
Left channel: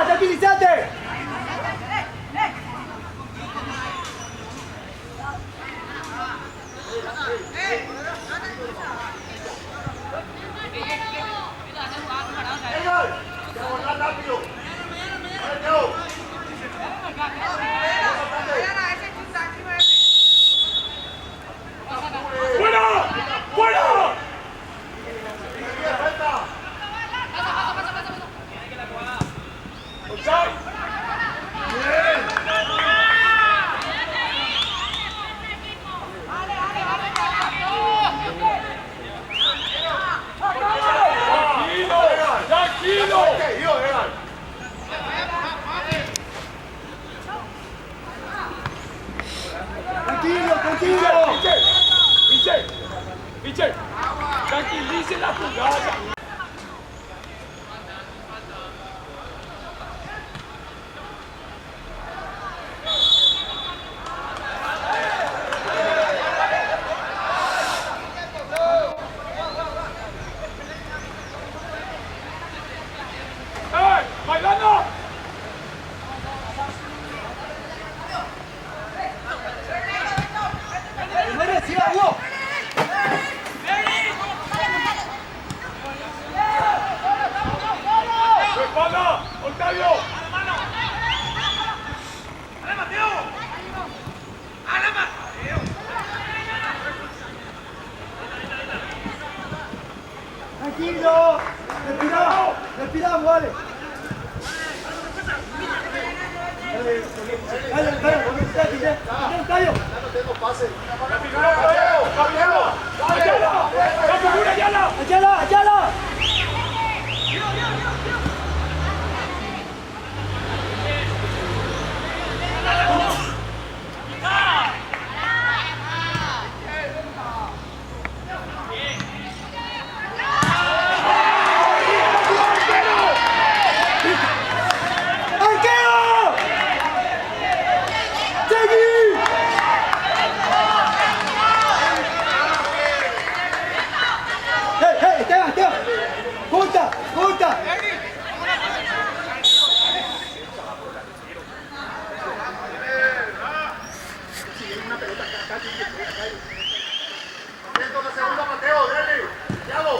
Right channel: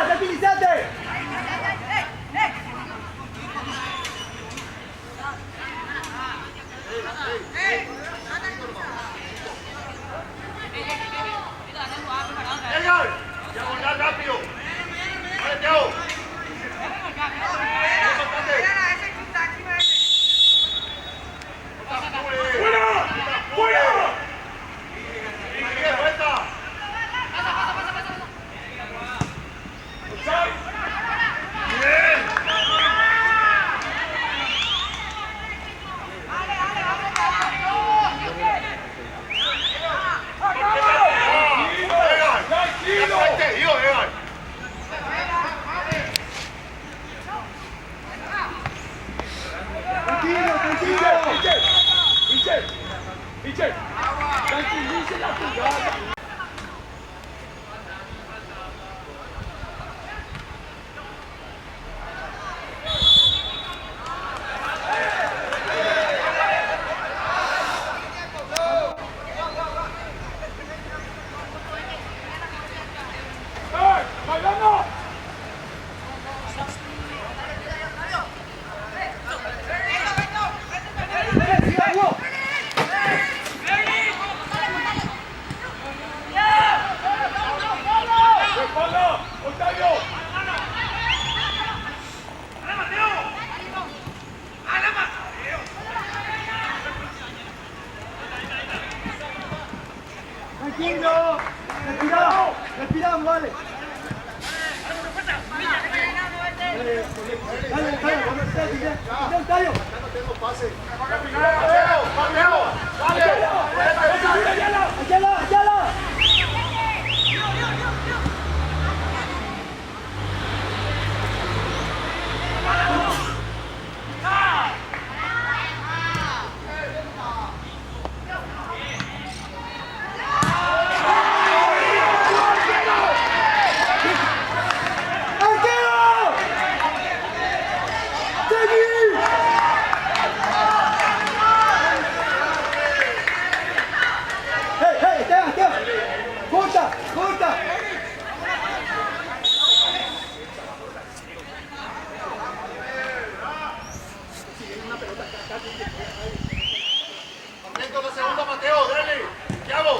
tranquiliza, tranquilízate. Edgar, ya volar rápido. Mateo. ¡Fuera! ¡Fuera! Tranquilo, tranquilo. Michel, tranquilice la jugada. ¡Bailando! Siga, Hugo. ¡Espalda! ¡Octavio! ¡Ale, Mateo! ¡Ale, Mateo! Tranquilo. Respiramos. Respiramos, vale. Callo. Ya no tengo pase. ¡Ayala! ¡Arquero! ¡Seguí! ¡Hey, Esteban! ¡Junta! Atento la segunda, Mateo, dale. Thiago.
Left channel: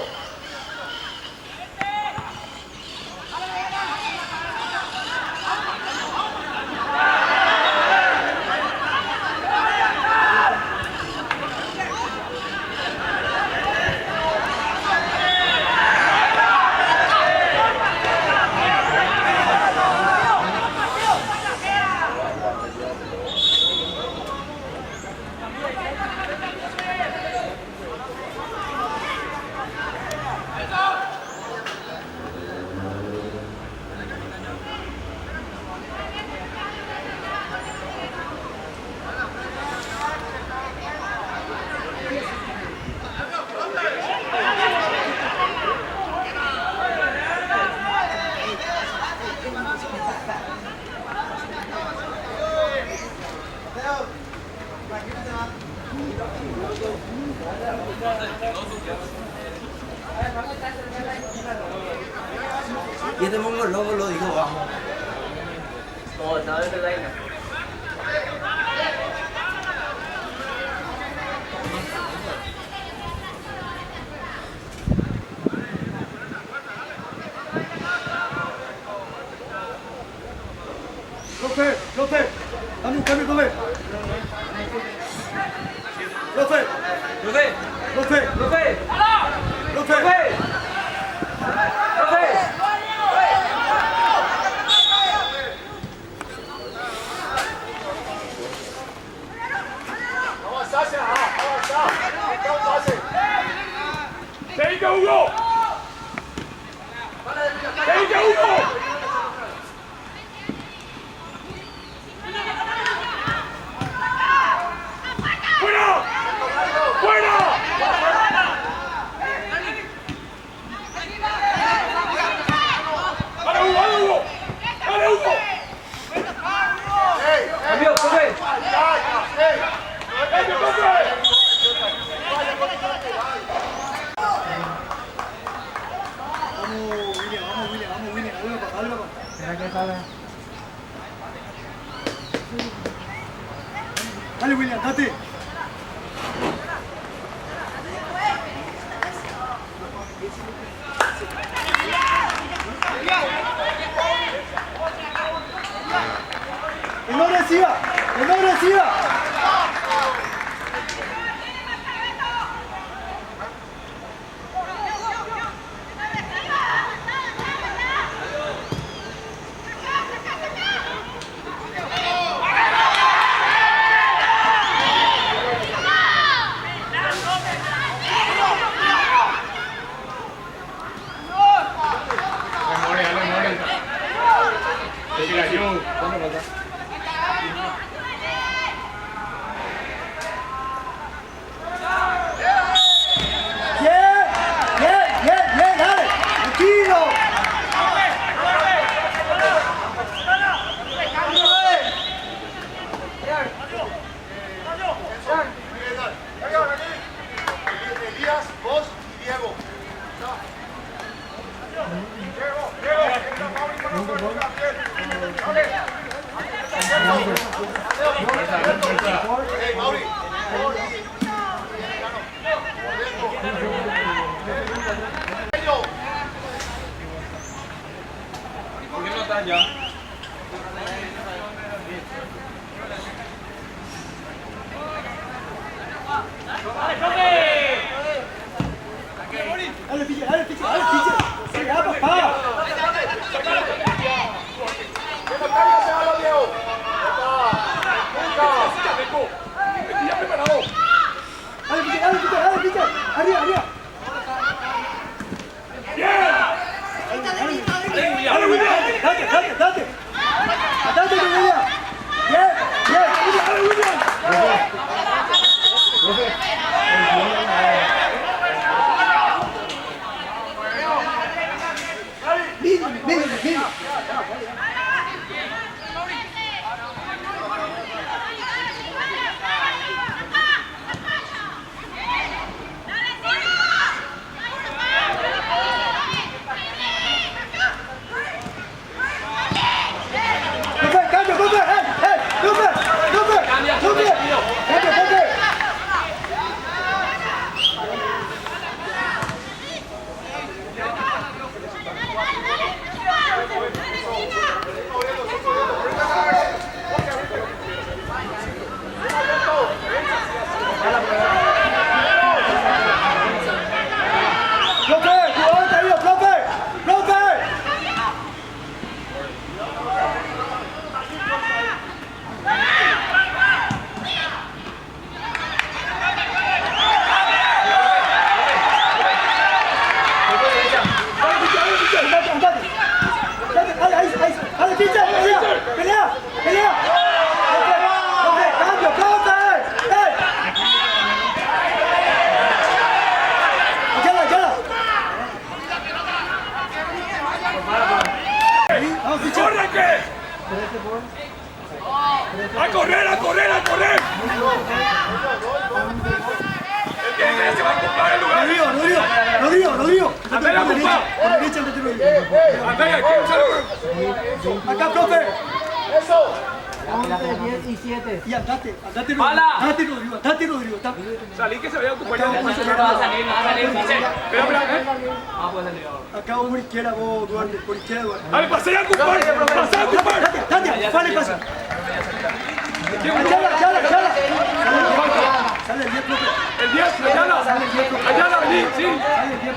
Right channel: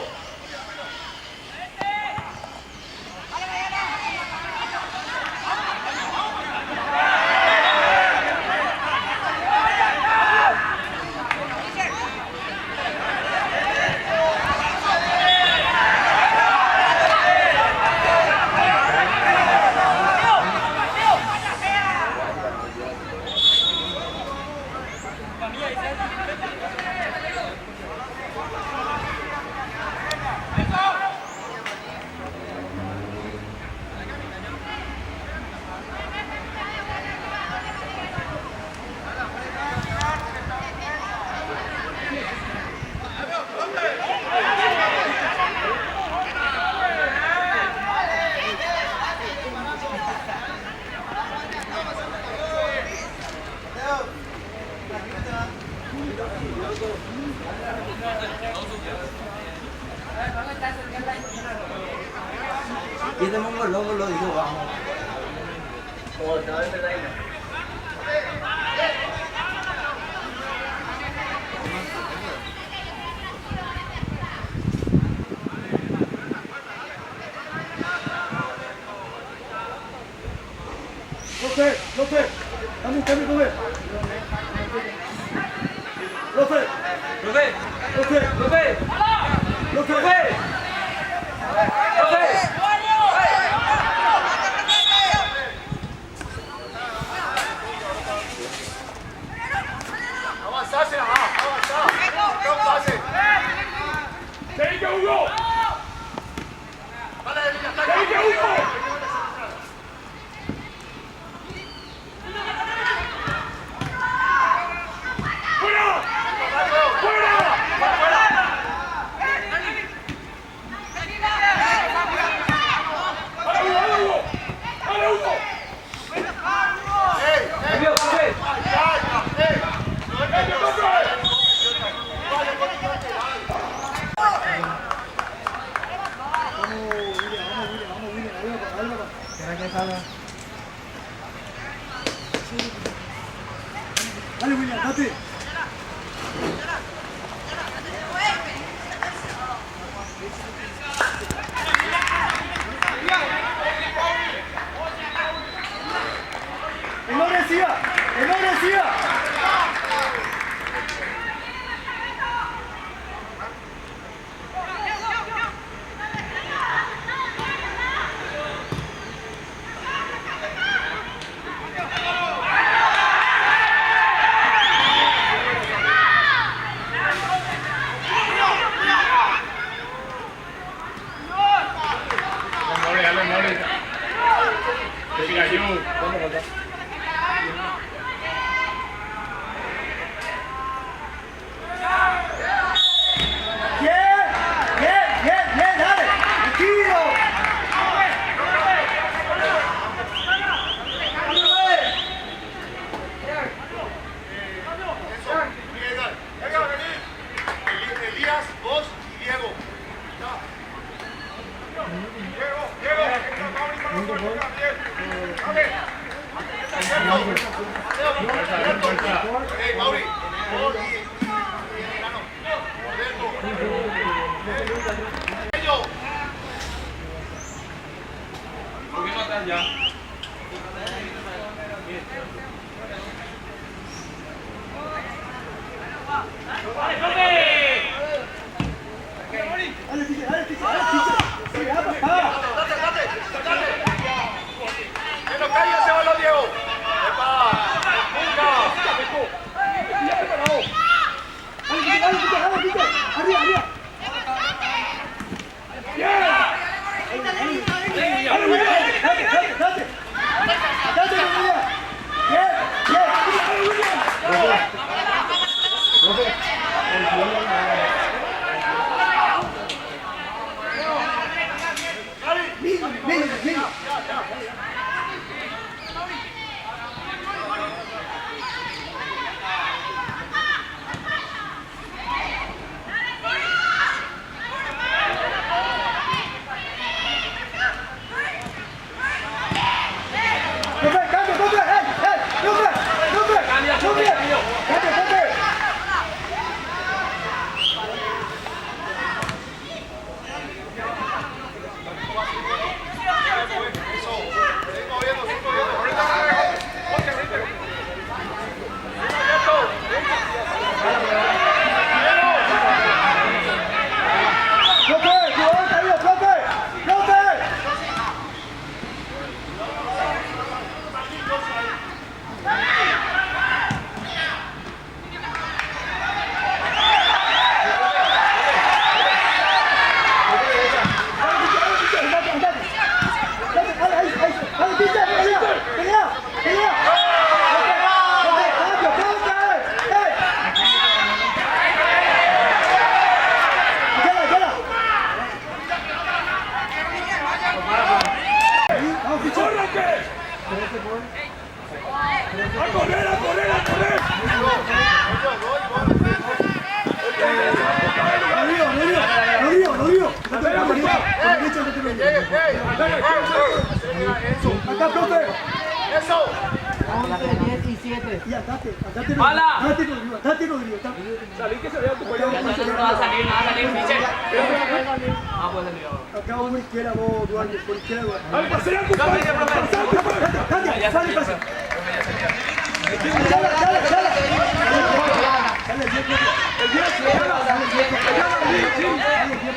Y tenemos un lobo, lo digo, vamos. López, dame un cambio, López. López. ¡Que diga Hugo! ¡Que diga Hugo! ¡Fuera! ¡Fuera! Dale. Dale, William, date. ¡Que no reciba! ¡Que no reciba! Elías, vos y Diego. Hey, Mauri, vos y el Gano. Por dentro. ¿Por qué no estás ya? ¡Dale, Piche! ¡Dale, Piche! ¡Dale, Piche! ¡Sí, ya, papá! ¡Que me caiga ese balón, Diego! ¡Dale, Piche! ¡Dale, Piche! ¡Dale, Piche! ¡Arriba, arriba! ¡Dale, William! ¡Date, date, date! ¡Date, William! ¡Bien, bien! ¡Dale, William! ¡Ven! ¡Cambio! ¡A correr, a correr, a correr! Rodrigo. Acá, profe. ¡Eso! Vamos de 10 y 7. Y andate, ¡Mala! Rodrigo. Salí que se vea tu cuello. No va a salir, Piche. Ah, puede salir ahora. Acá vos por izquierda, vos, Duarte, por izquierda. ¡Dale, pasea, compadre! ¡Pasea, compadre! Dale, pasa.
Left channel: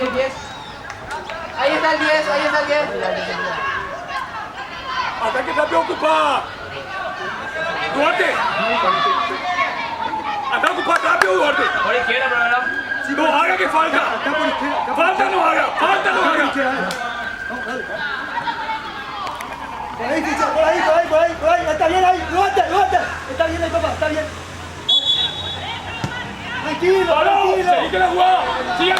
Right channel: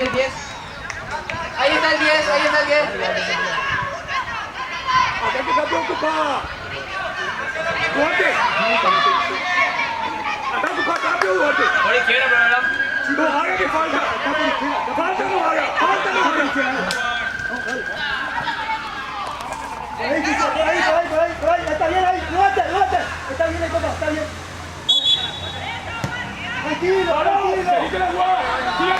El 10. Ahí está el 10. ¡Acá te campeón, compadre! ¡Duarte! ¡Acá, compadre, cambio, Duarte! Por izquierda, pero ahora. ¡No haga que falta! ¡Falta no haga! Por ahí, está bien ahí, levanta, está bien ahí, papá, está bien. Tranquilo. ¡Seguí que la jugada! ¡Sigue!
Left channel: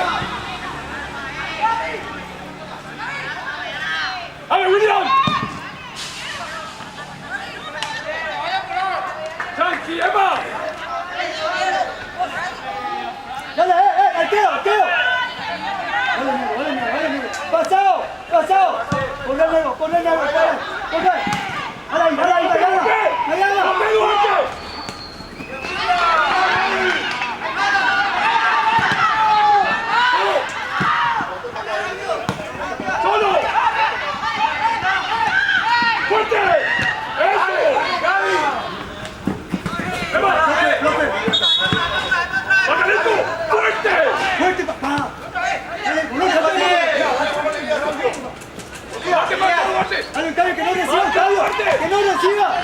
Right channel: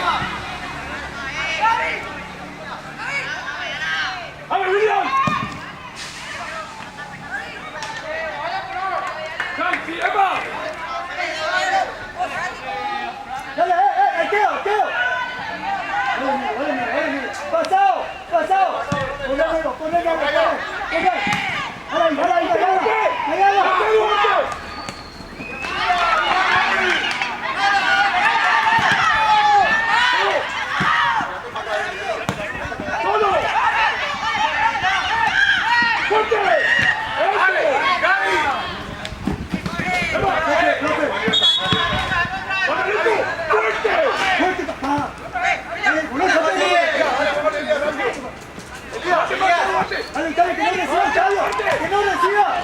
¡A ver, William! ¡Tranqui, Emma! Dale, arqueo. Pasado. Pon el negro, corre. no reciba.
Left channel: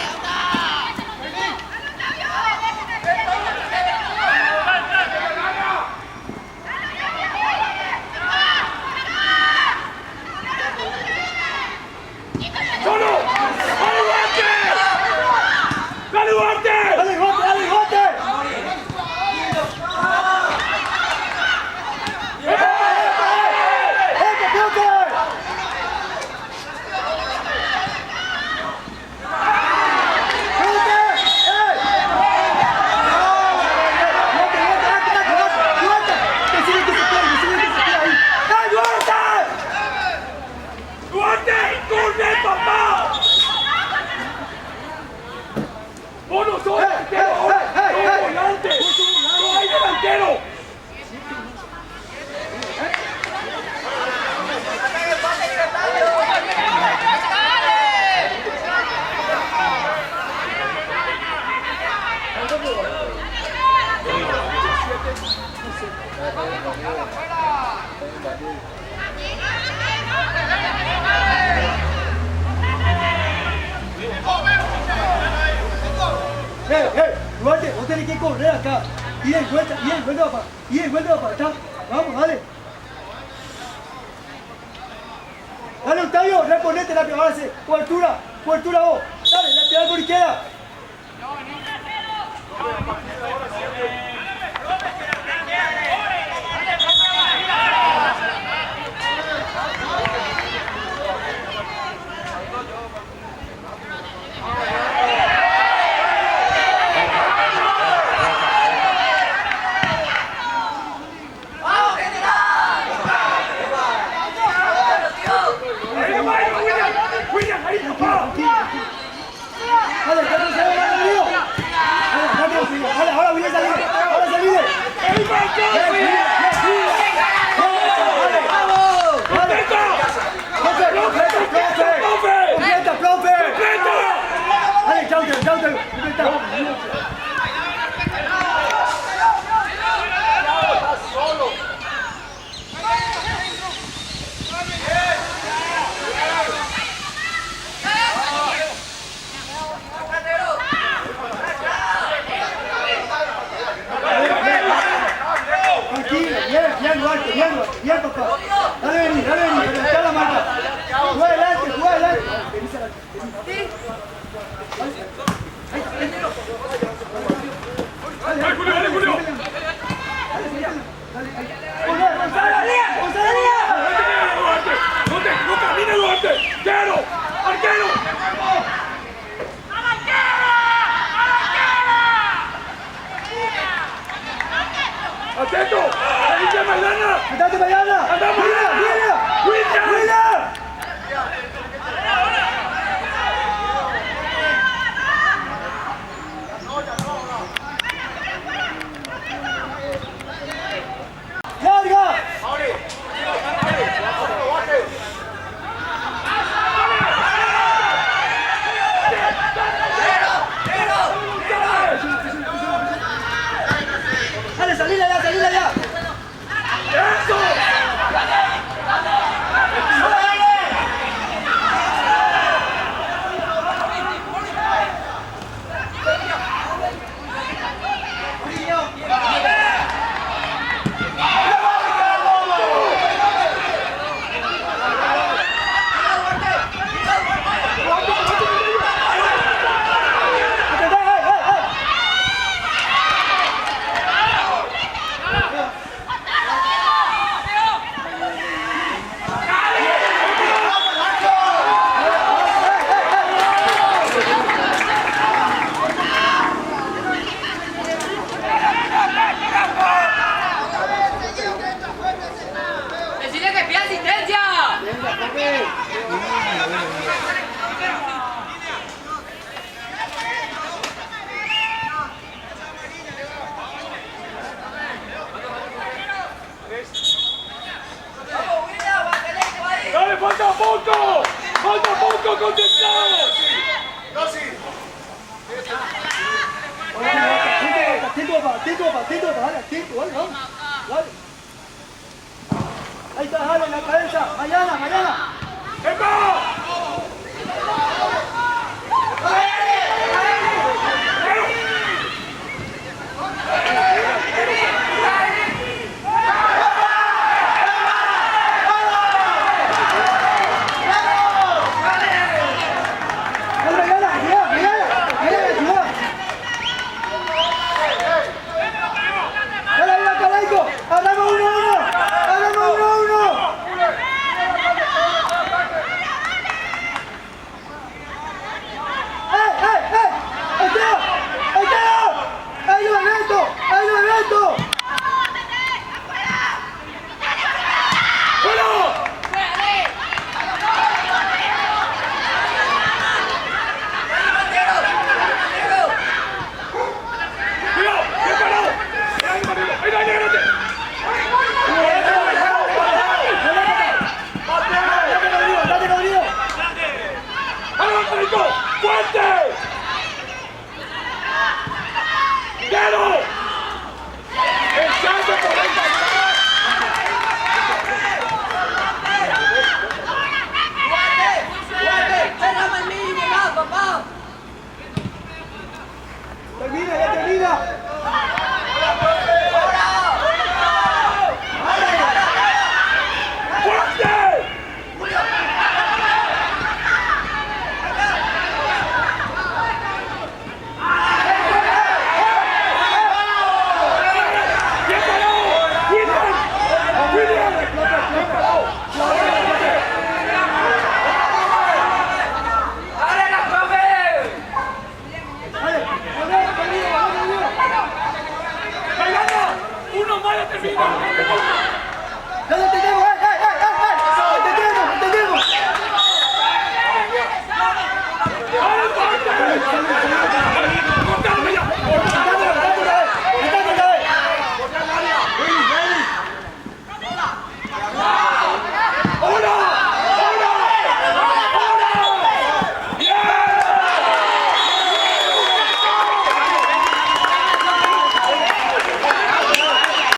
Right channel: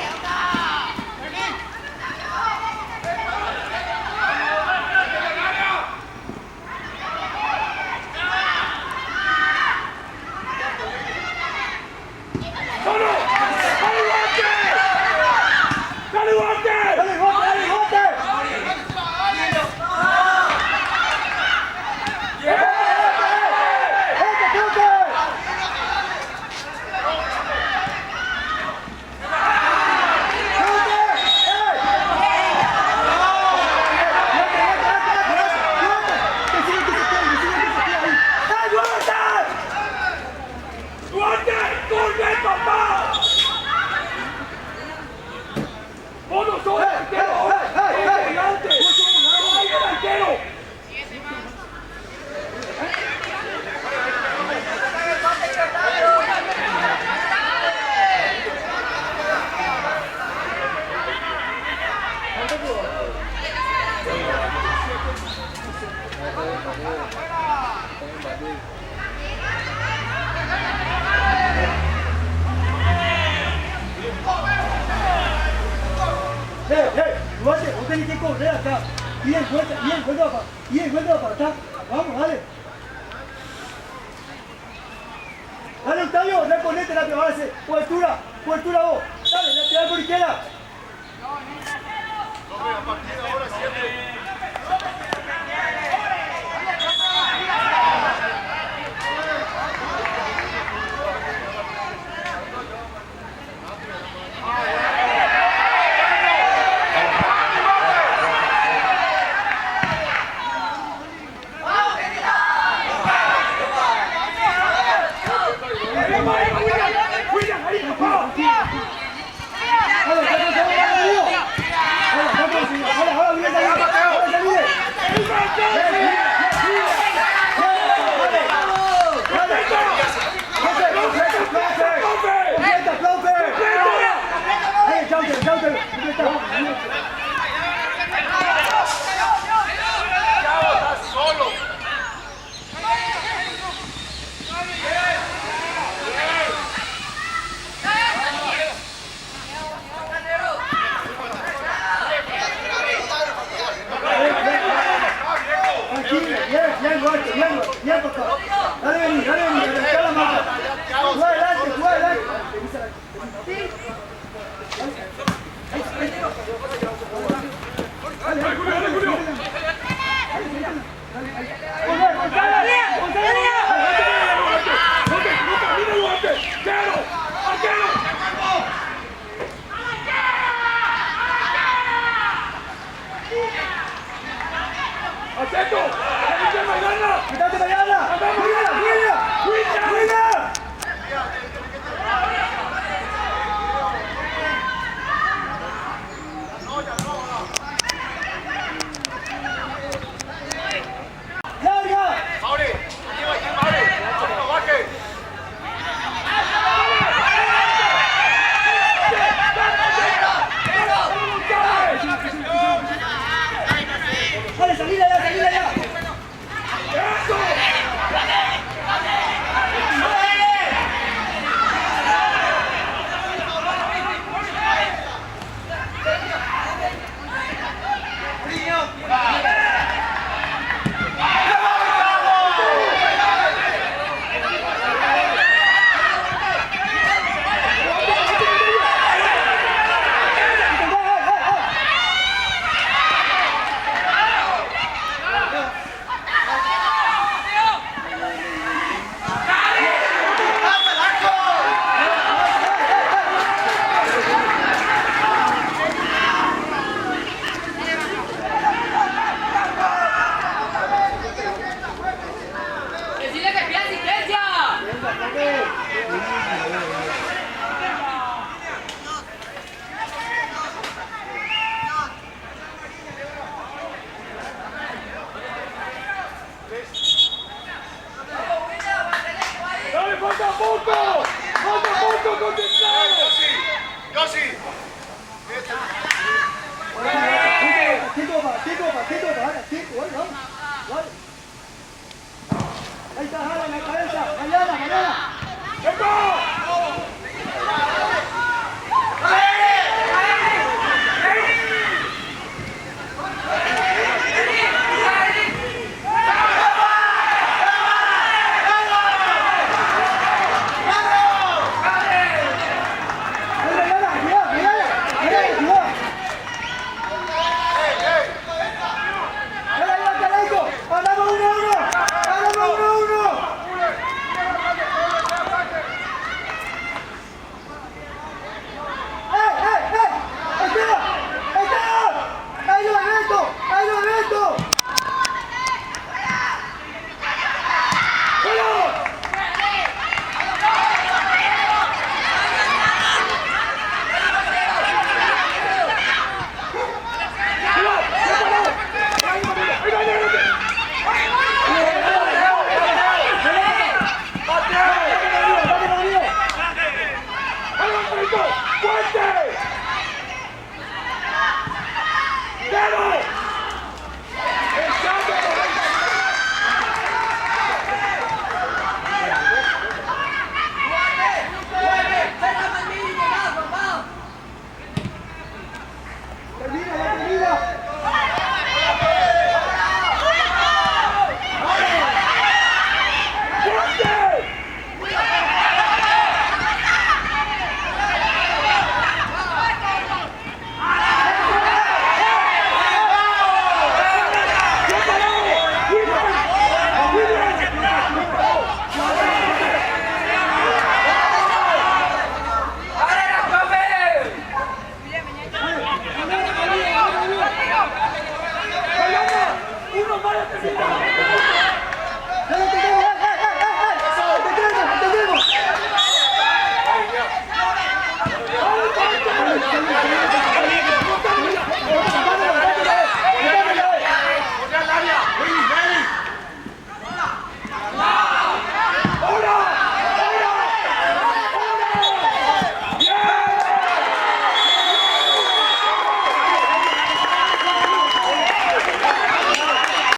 ¡Solo! ¡Adelante! ¡Dale, Duarte! Dale, bote, dale, bote. ¡Duarte! ¡Duarte, papá! ¡Vos no sos delantero! ¡Sos volante! ¡No hay delantero! Duarte, vos tenés que correr acá. Y el vuelta para acá. Vamos, dale. Dale, Octavio, reponete la pelota, base. Cobertura vos. Dale, la tirada por izquierda. Ahora, viene saliendo. Ahora se viene. Bien, papá. Dale venir, está la marca. Juega adelante. Dale, Julio. ¡González! ¡No camina, Duarte! ¡Quiero!